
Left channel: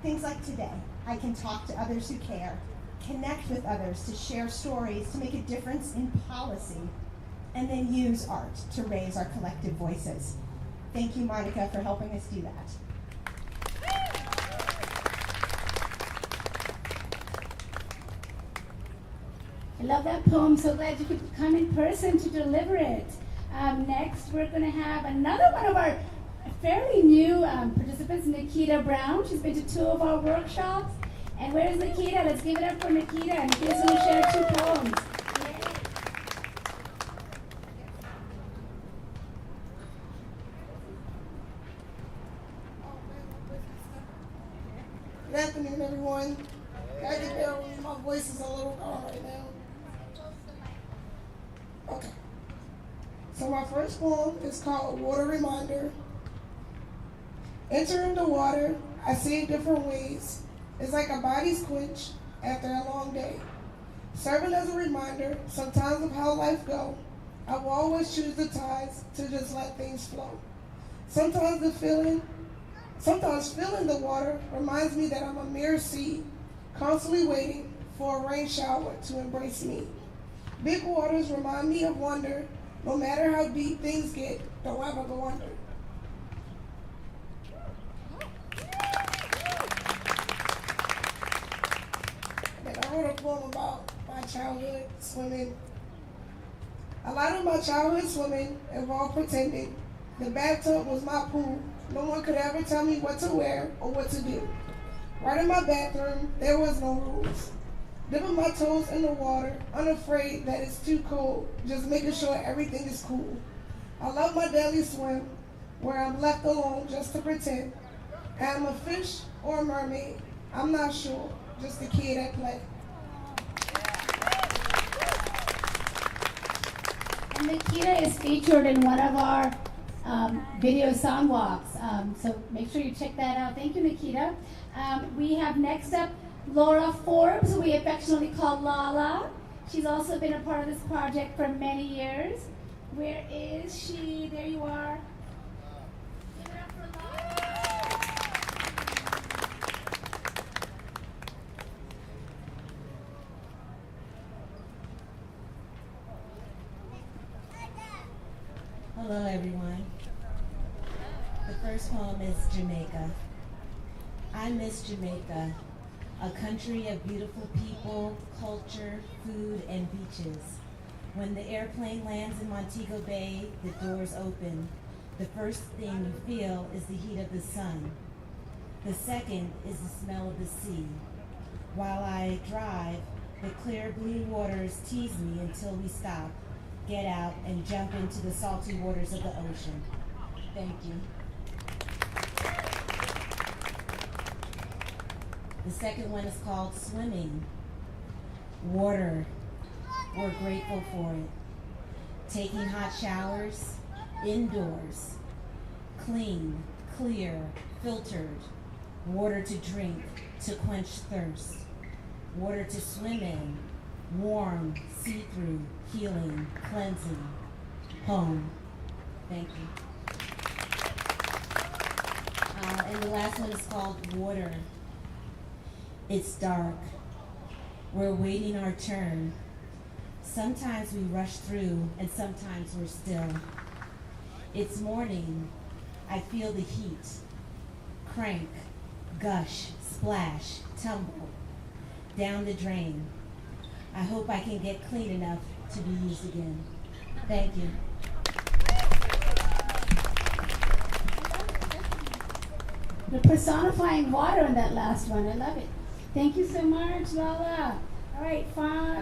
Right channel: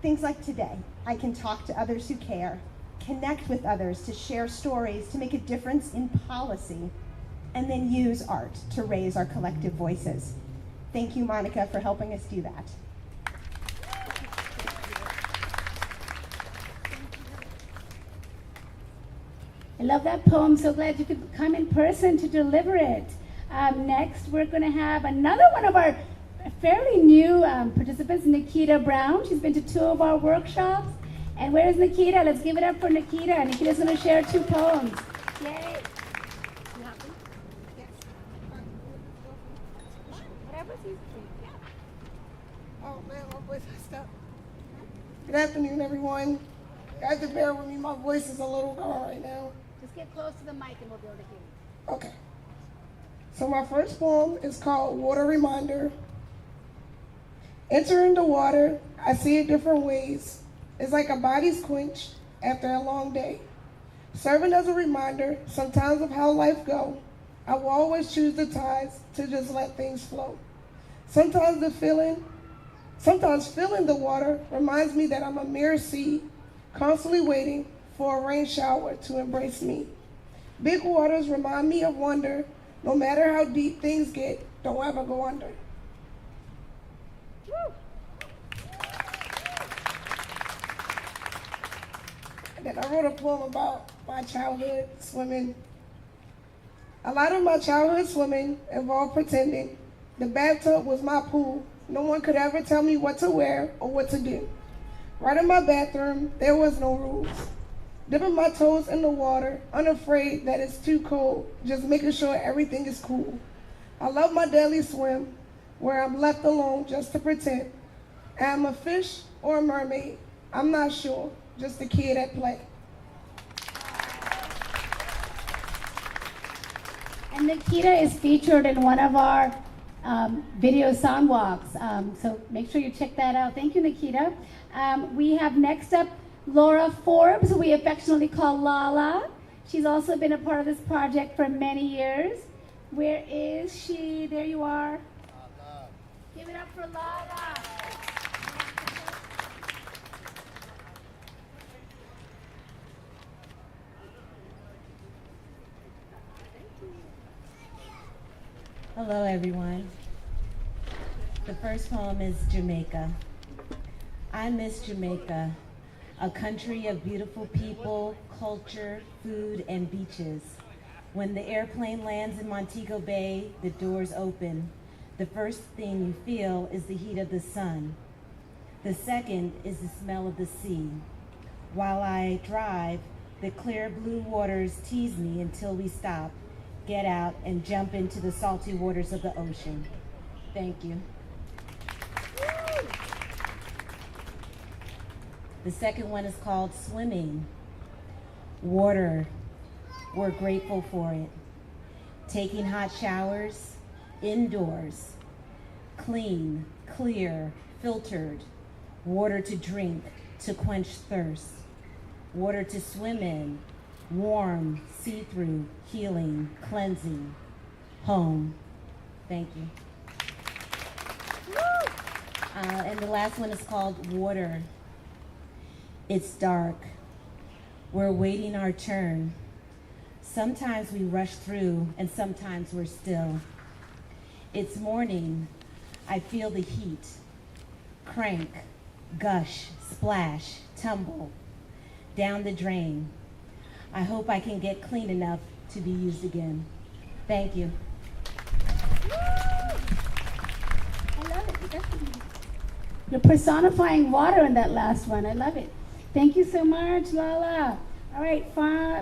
Things like today. I can talk to others who care, connect with others to share stories, to make a difference in policy. and then use art to raise our collective voices. Thank you, Monica, for helping us do that. I love that poem. So glad you could come in person to deliver it. Next, we're going to have another one of our fairly new participants, Nikita Brown. She's been to 2 of our workshops. And where's Nikita? Let's give it up for Nikita. Nikita's going to share 2 poems. Yay. Oh man, my voice has stopped. Good afternoon, everyone. Guys, just bear with me. My voice is a little gone right now. Just get close to the mic and we'll be able to hear. Okay. So my first poem is called Water Reminder. Entering the water, I see it different ways. It's like a body's quenched after a long day. Serving as a reminder, sometimes of how life go, I will always choose the tides to just let things flow. Sometimes feeling the water reminds me that I'm a mere seed, constantly waiting for a rain shower to embrace me. Big waters remind me of wonder. No matter how deep things get, don't ever go under. And then I wrote a poem about my childhood swimming. A lot of my childhood swimming involved pretending. The bathtub was my pool. No one could ever tell me what to wear or what to do. Right in my bathroom, there was no rules. Dipping my toes in the water, unafraid that it's too cold, just making sure everything is cool. I love my daily swim, where I'm left alone just to pretend. Am I a fish or a mermaid? I'm not sure, just a kid at play. And Nikita is featured in one of our video sound walks, so make sure you check that out. Thank you, Nikita. We have next up Laura Forbes, who we affectionately call Lala. She's also been a part of this project for many years. Where is she? There you are. Give it up for Lala. Hello, everyone. The first poem is Jamaica. I miss Jamaica, a country of beautiful people, culture, food, and beaches. When the airplane lands in Montego Bay, the doors open. The first thing you feel is the heat of the sun. The second is the smell of the sea. While I drive, the clear blue waters tease me until we stop, get out, and jump into the salty waters of the ocean. Thank you. The second one is called Swimming. Water, we're grateful for it. Taking hot showers, indoors. Clean, clear, filtered. Water to drink, to quench thirst. Water to swim in, warm, see-through, healing, cleansing. Home. Thank you. And the last one is called Water. It's dark. We're waiting our turn. Sometimes we rush through and sometimes we're still. It's morning. I feel the heat. Crank, gush, splash, tumble. Down the drain. I hope I can get clean enough to be used again. Thank you. You're personifying water in that last one. I love it. Thank you so much, Lala. All right,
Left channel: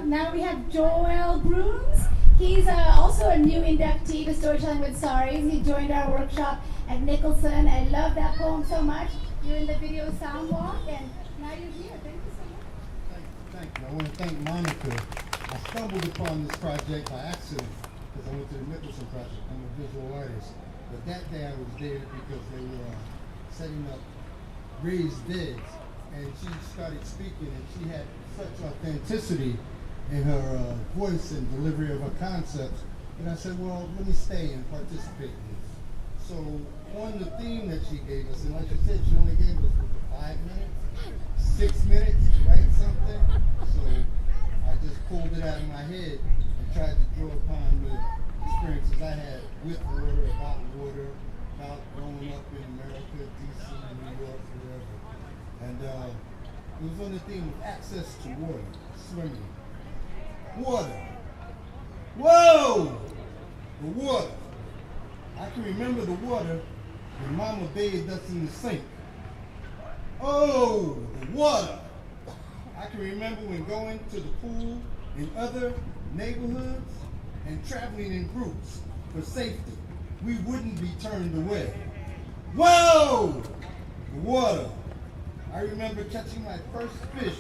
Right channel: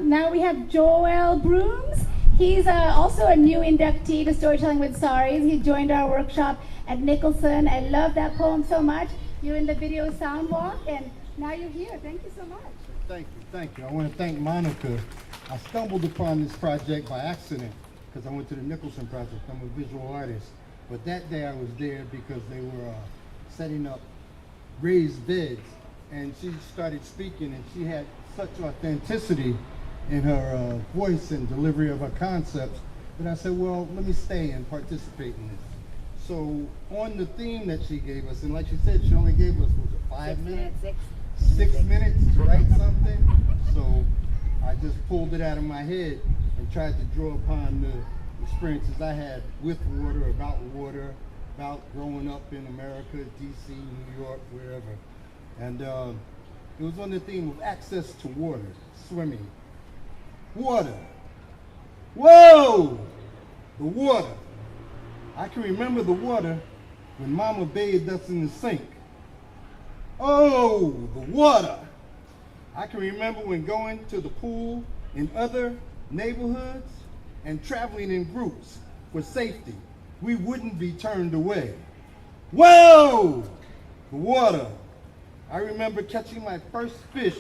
now we have Joel Brooms. He's also a new inductee to Storytelling with Saris. He joined our workshop at Nicholson. I love that poem so much. You're in the video sound walk, and now you're here. Thank you so much. Thank you. I want to thank Monica. I stumbled upon this project by accident because I went to the Nicholson project. I'm a visual artist. But that day I was there because they were setting up raised beds. And she started speaking, and she had such authenticity in her voice and delivery of her concepts that I said, well, let me stay and participate in this. So on the theme that she gave us, and like she said, she only gave us 5 minutes? 6 minutes to write something. So I just pulled it out of my head and tried to draw upon experiences I had with water, about growing up in America, DC, New York, wherever. And it was on the theme of access to water, swimming. Water. Whoa! The water. I can remember the water when Mama bathed us in the sink. Oh, the water. I can remember when going to the pool in other neighborhoods and traveling in groups for safety. We wouldn't be turned away. Whoa! The water. I remember catching my first fish.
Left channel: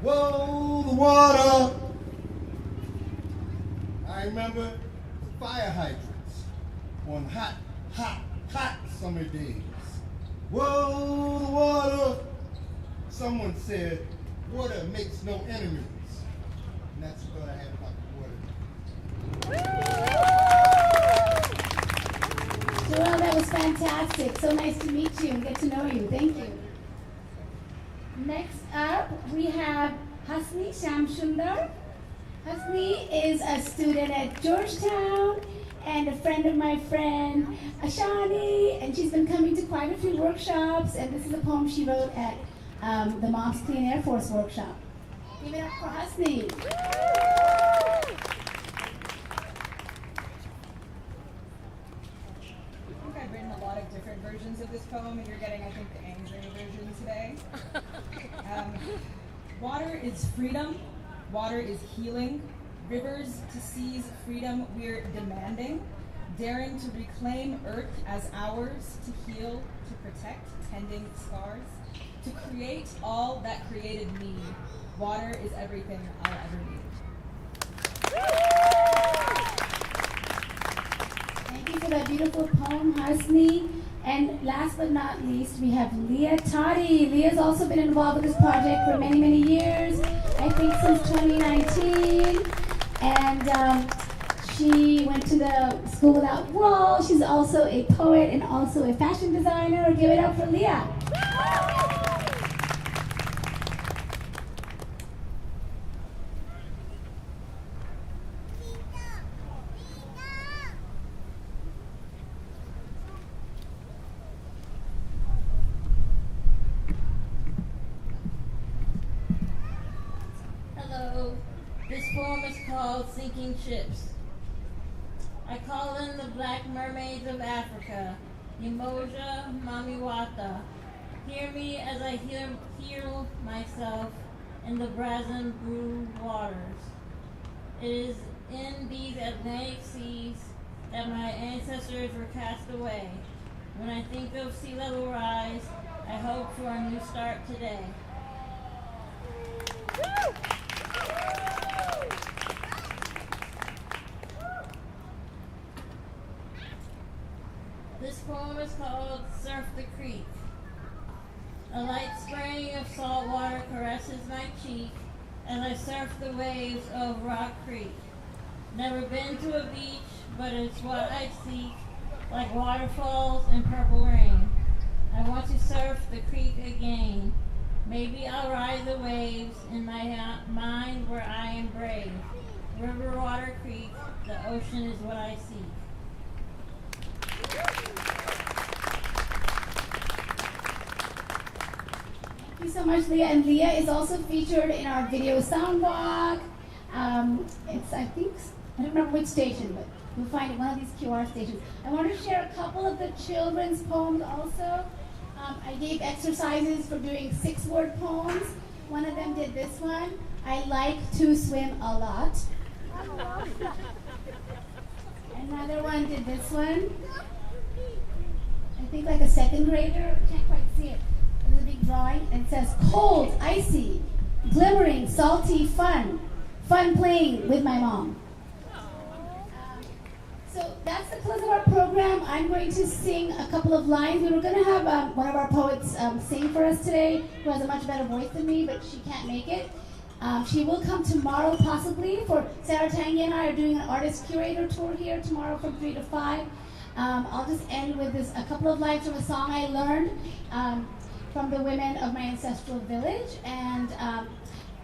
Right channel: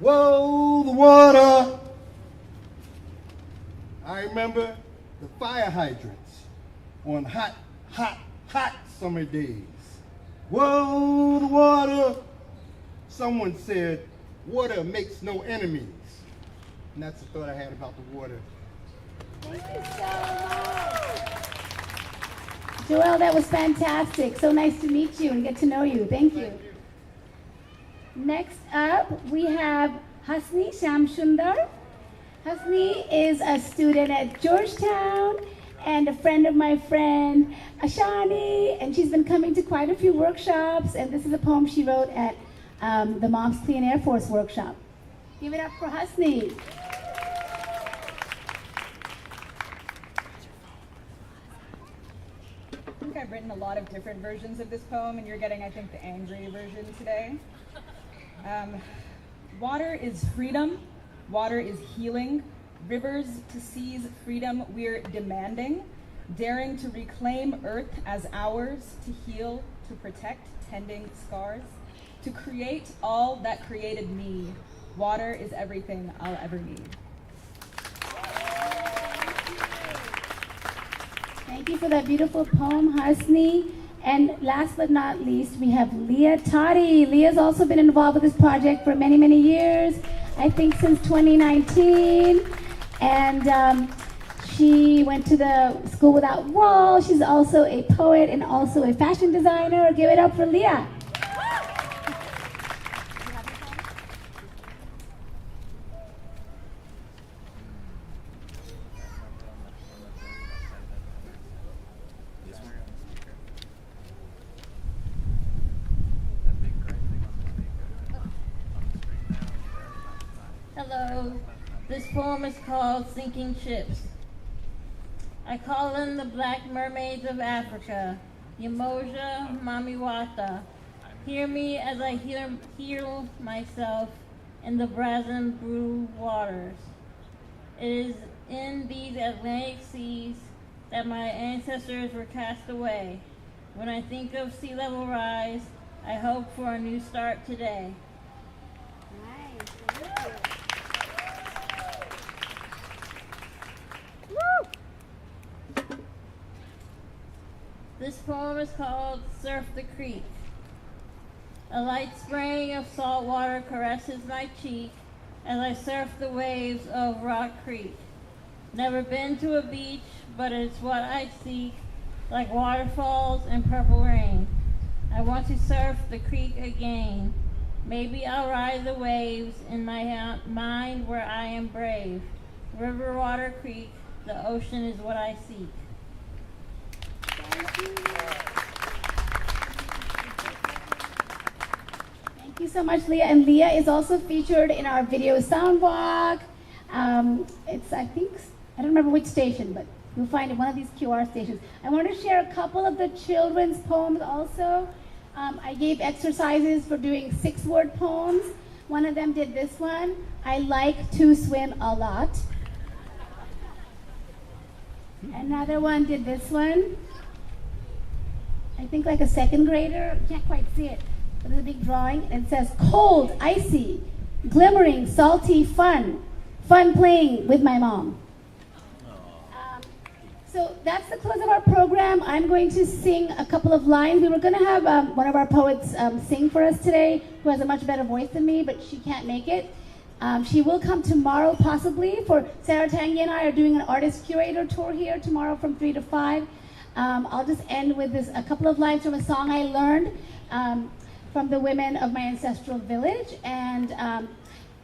Whoa, the water. I remember the fire hydrants on hot summer days. Whoa, the water. Someone said, water makes no enemies. And that's the thought I had about the water. Joelle, that was fantastic. So nice to meet you and get to know you. Thank you. Next up, we have Hasni Shamsundar. Hasni is a student at Georgetown and a friend of my friend Ashani, and she's been coming to quite a few workshops, and this is a poem she wrote at the Moms Clean Air Force workshop. Give it up for Hasni. I think I've written a lot of different versions of this poem, and you're getting, I think, the angry version today. Water is freedom. Water is healing. Rivers to seas freedom we're demanding. Daring to reclaim Earth as ours, to heal, to protect, tending scars. To create all that created me. Water is everything I'll ever need. Thank you for that beautiful poem, Hasni. And last but not least, we have Leah Toddy. Leah's also been involved with this project for many, many years, I think since 2019. And she went to the School Without Walls. She's also a poet and also a fashion designer. Give it up for Leah. Hello, this poem is called Sinking Ships. I call them the black mermaids of Africa, Yamoja Mamiwata. Hear me as I heal myself in the brazen blue waters. It is in these Atlantic seas that my ancestors were cast away. When I think of sea level rise, I hope for a new start today. This poem is called Surf the Creek. A light spraying of salt water caresses my cheek as I surf the waves of Rock Creek. Never been to a beach, but it's what I seek, like waterfalls and purple rain. I want to surf the creek again. Maybe I'll ride the waves in my mind where I am brave. River, water, creek, the ocean is what I seek. Thank you so much, Leah. And Leah is also featured in our VideoSoundwalk. It's, I don't remember which station, but you'll find it one of these QR stations. I want to share a couple of the children's poems also. I gave exercises for doing 6-word poems. One of them did this one. I like to swim a lot. Another one did this one. I think like a 2nd grader. Can't quite see it. But there's a big drawing and it says cold, icy, glimmering, salty, fun. Fun playing with my mom. So that's the close of our program. I'm going to sing a couple of lines. We were going to have one of our poets sing for us today, who has a much better voice than me, but she can't make it. She will come tomorrow possibly. For Sarah Tanguy and I are doing an artist curator tour here tomorrow from 3 to 5. I'll just end with a couple of lines from a song I learned from the women of my ancestral village. And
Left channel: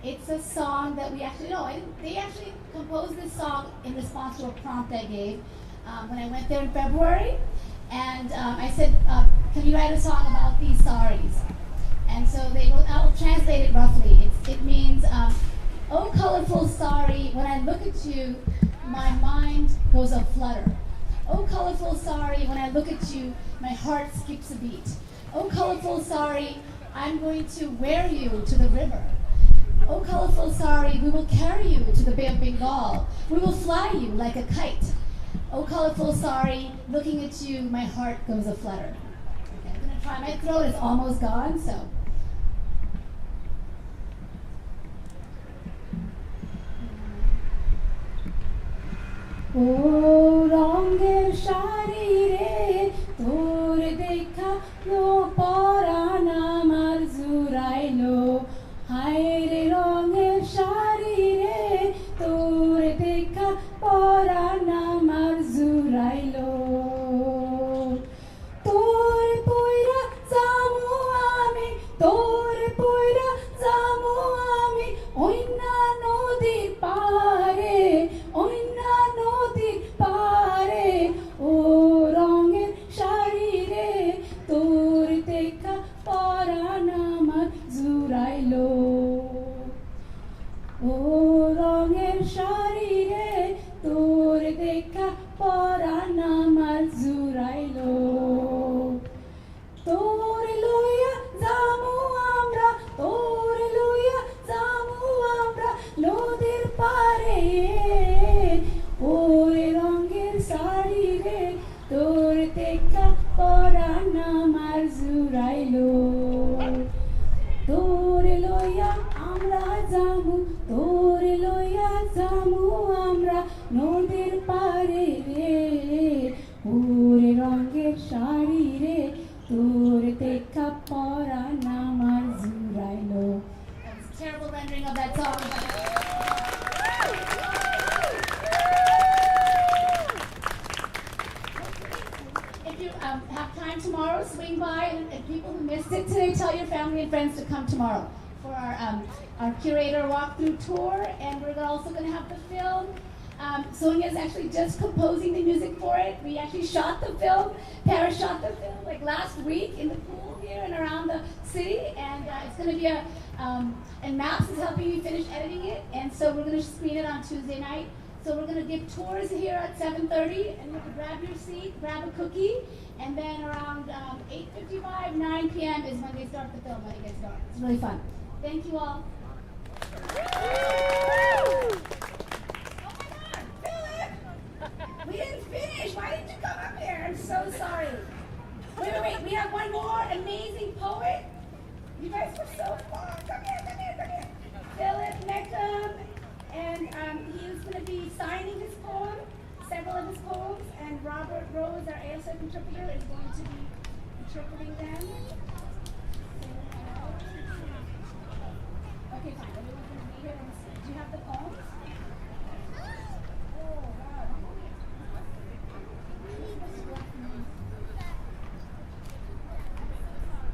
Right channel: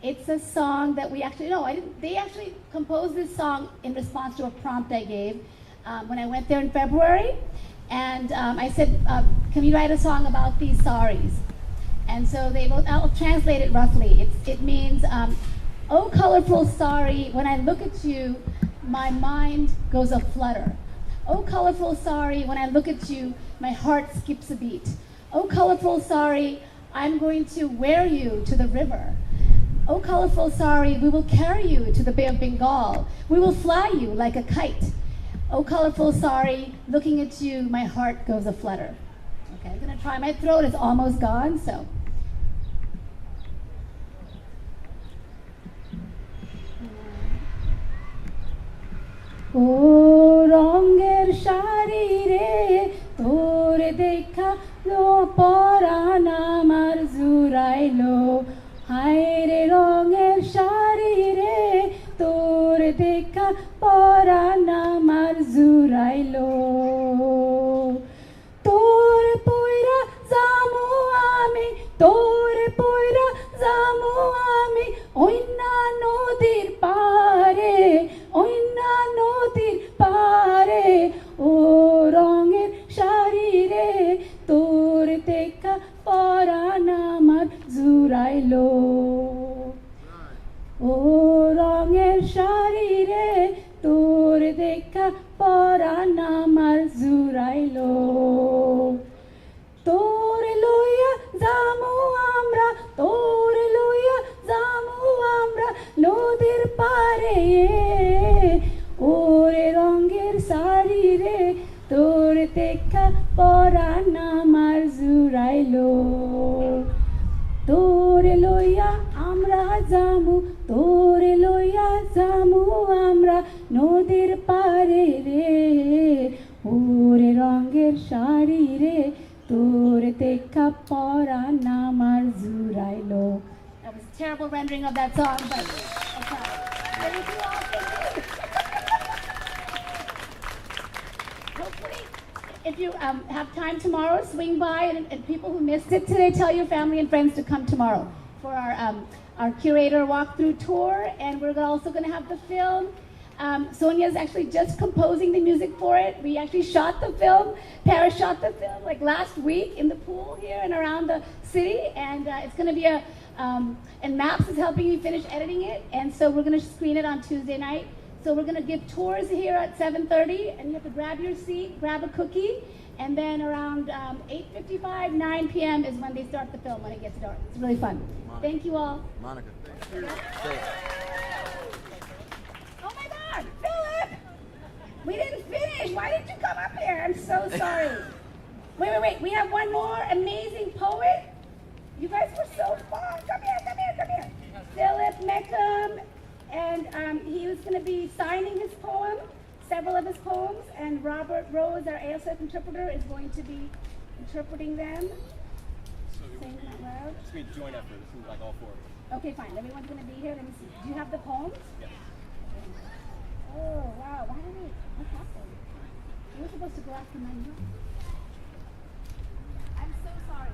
It's a song that we actually, no, I didn't, they actually composed this song in response to a prompt I gave when I went there in February. And I said, can you write a song about these saris? And so they wrote, I'll translate it roughly. It means, oh colorful sari, when I look at you, my mind goes a flutter. Oh colorful sari, when I look at you, my heart skips a beat. Oh colorful sari, I'm going to wear you to the river. Oh colorful sari, we will carry you to the Bay of Bengal. We will fly you like a kite. Oh colorful sari, looking at you, my heart goes a flutter. Okay, I'm gonna try, my throat is almost gone, so. O ronger shari re, tor dekha lo paran amar zurailo. Hai re ronger shari re, tor dekha paran amar zurailo. Tor poira zamu ami, tor poira zamu ami, oina nodir pare, oina nodir pare. O ronger shari re, tor dekha paran amar zurailo. O ronger shari re, tor dekha paran amar zurailo. Tor loya zamu amra, tor loya zamu amra, nodir pare. Ore ronger sari re, tor dekha paran amar zurailo. Tor loya amra zamu, tor loya zamu amra, nodir pare re. Ore ronger shari re, tor dekha paran amar zurailo. That was a terrible rendering of that song, but hopefully, if you have time tomorrow, swing by, and people who missed it today, tell your family and friends to come tomorrow for our curator walkthrough tour, and we're also going to have the film. Sonia's actually just composing the music for it. We actually shot the film. Paris shot the film like last week in the pool here and around the city, and it's going to be and Maps is helping me finish editing it, and so we're going to screen it on Tuesday night. So we're going to give tours here at 7:30, and you have to grab your seat, grab a cookie, and then around 8:55, 9 p.m. is when they start the film, when it gets dark. It's really fun. Thank you all. Monica. Oh my God, Philip! We didn't finish. Why didn't you come up here? I'm so sorry. Wait. We have one more amazing poet. You guys were so fun. Come here. Philip Meckham, and he was going to be signing his poem, several of his poems, and Robert Rose, our ASF interpreter, is going to be interpreting them. Saying them out loud. Just going to join up here. It seems like all four. Okay, fine. Everyone's going to be here. Let me see. Do you have the poems? Yeah. Oh, wow. Why don't we? What's happening? We're supposed to go after my notes. I'm so sorry.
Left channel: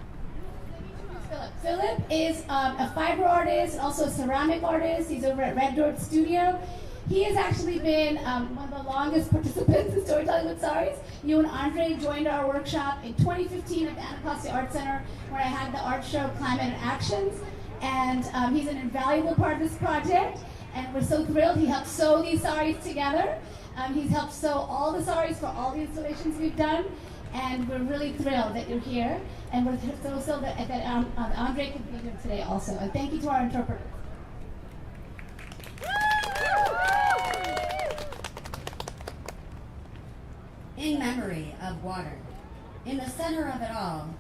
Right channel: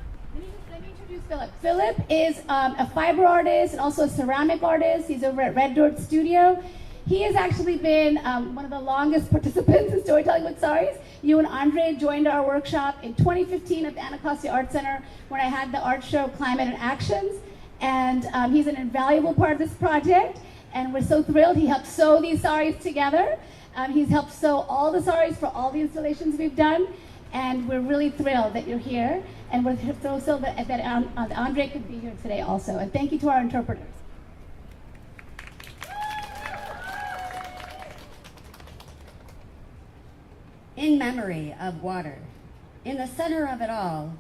Let me introduce Philip. Philip is a fiber artist and also a ceramic artist. He's over at Red Dirt Studio. He has actually been one of the longest participants in Storytelling with Saris. You and Andre joined our workshop in 2015 at the Anacostia Art Center, where I had the art show Climate and Actions. And he's an invaluable part of this project. And we're so thrilled. He helped sew these saris together. He's helped sew all the saris for all the installations we've done. And we're really thrilled that you're here. And we're so thrilled that Andre could be here today also. And thank you to our interpreters. In memory of water, in the center of it all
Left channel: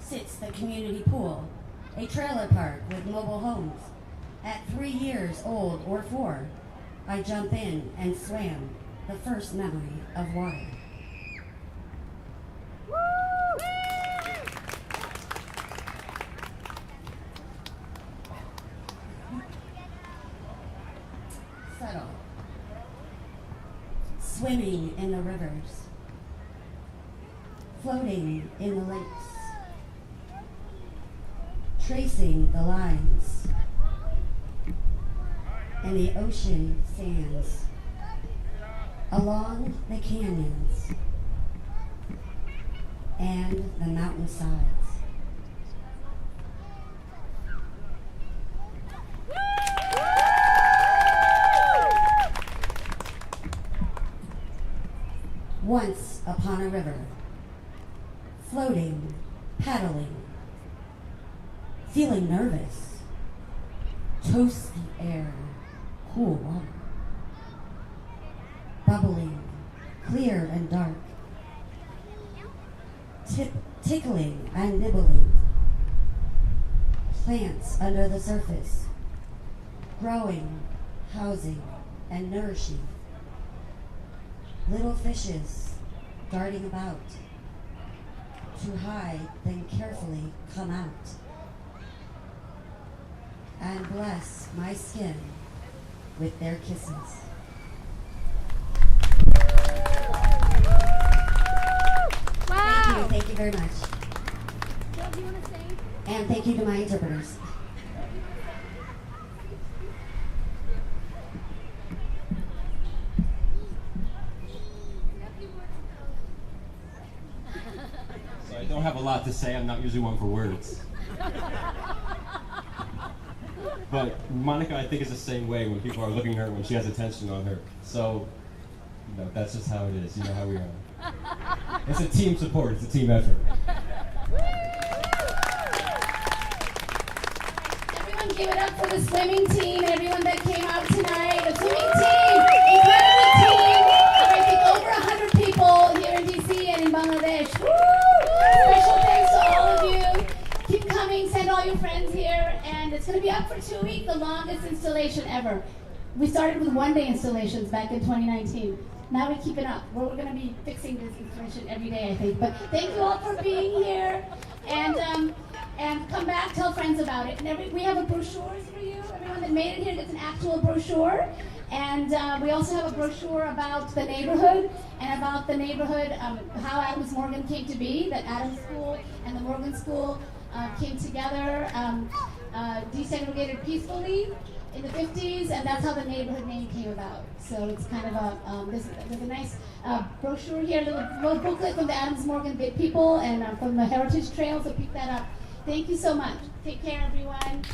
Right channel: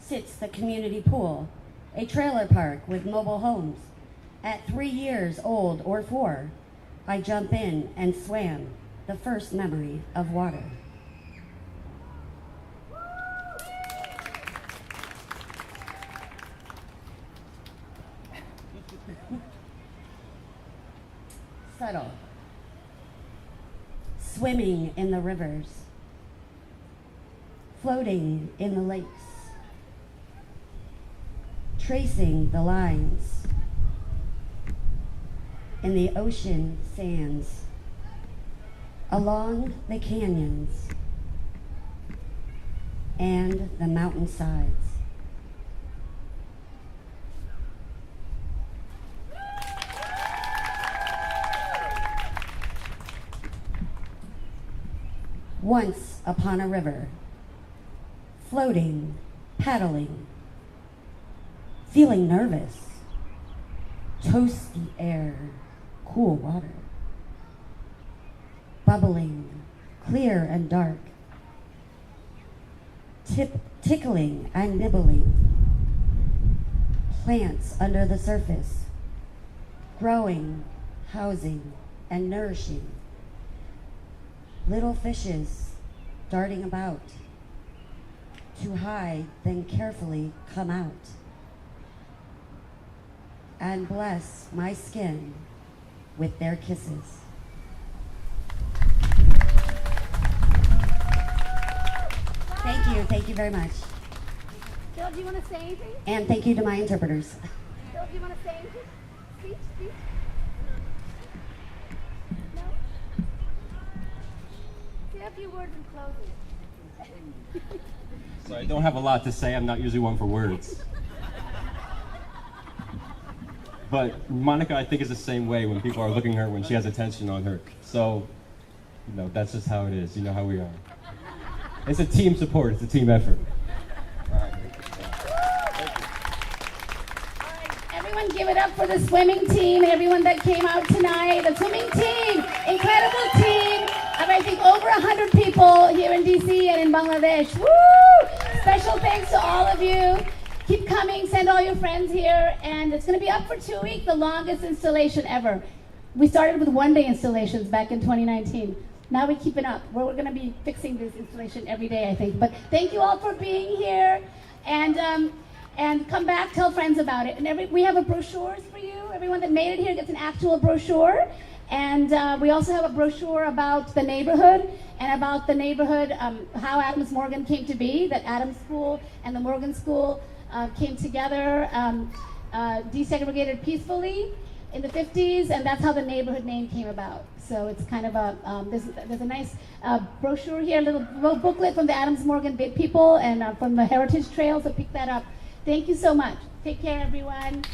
sits the community pool, a trailer park with mobile homes. At 3 years old or 4, I jump in and swam, the first memory of water. Subtle. Swimming in the rivers, floating in the lakes, tracing the lines, in the ocean sands, along the canyons and the mountainsides. Once upon a river, floating, paddling, feeling nervous, toasty air, cool water, bubbling, clear and dark, tickling and nibbling, plants under the surface, growing, housing, and nourishing, little fishes darting about, to hide, then carefully come out, and bless my skin with their kisses. Wow. Thank you very much. Jill, do you want to say anything? And thank you to my interpreters. Jill, do you want to say anything? Speech? No? Say a few words in closing. So I don't have a lot to say. I'm not usually one for words. But Monica, I think, is the same way when people are looking at her when she has attention on her. So, you know, that's just how it is. You know how we are. It's a team support. It's a team effort. Everyone give it up for the swimming team and everyone that came out tonight. The swimming team, incredible team. I think over 100 people here in DC and in Bangladesh. Woo! Special thanks to all of you. Keep coming, send all your friends here, and it's going to be up for 2 weeks, the longest installation ever. We started with one-day installations back in 2019. Now we keep it up. We're going to be fixing this installation every day, I think. But thank you all for being here, and come back, tell friends about it. And we have a brochures for you. Everyone that made it here gets an actual brochure. And we also have a brochure about the neighborhood and about the neighborhood, how Adams Morgan came to be, that Adams School and the Morgan School came together, desegregated peacefully in the 50s, and that's how the neighborhood name came about. So it's kind of a, there's a nice brochure here, a little booklet from the Adams Morgan people and from the Heritage Trail, so pick that up. Thank you so much. Take care, everyone.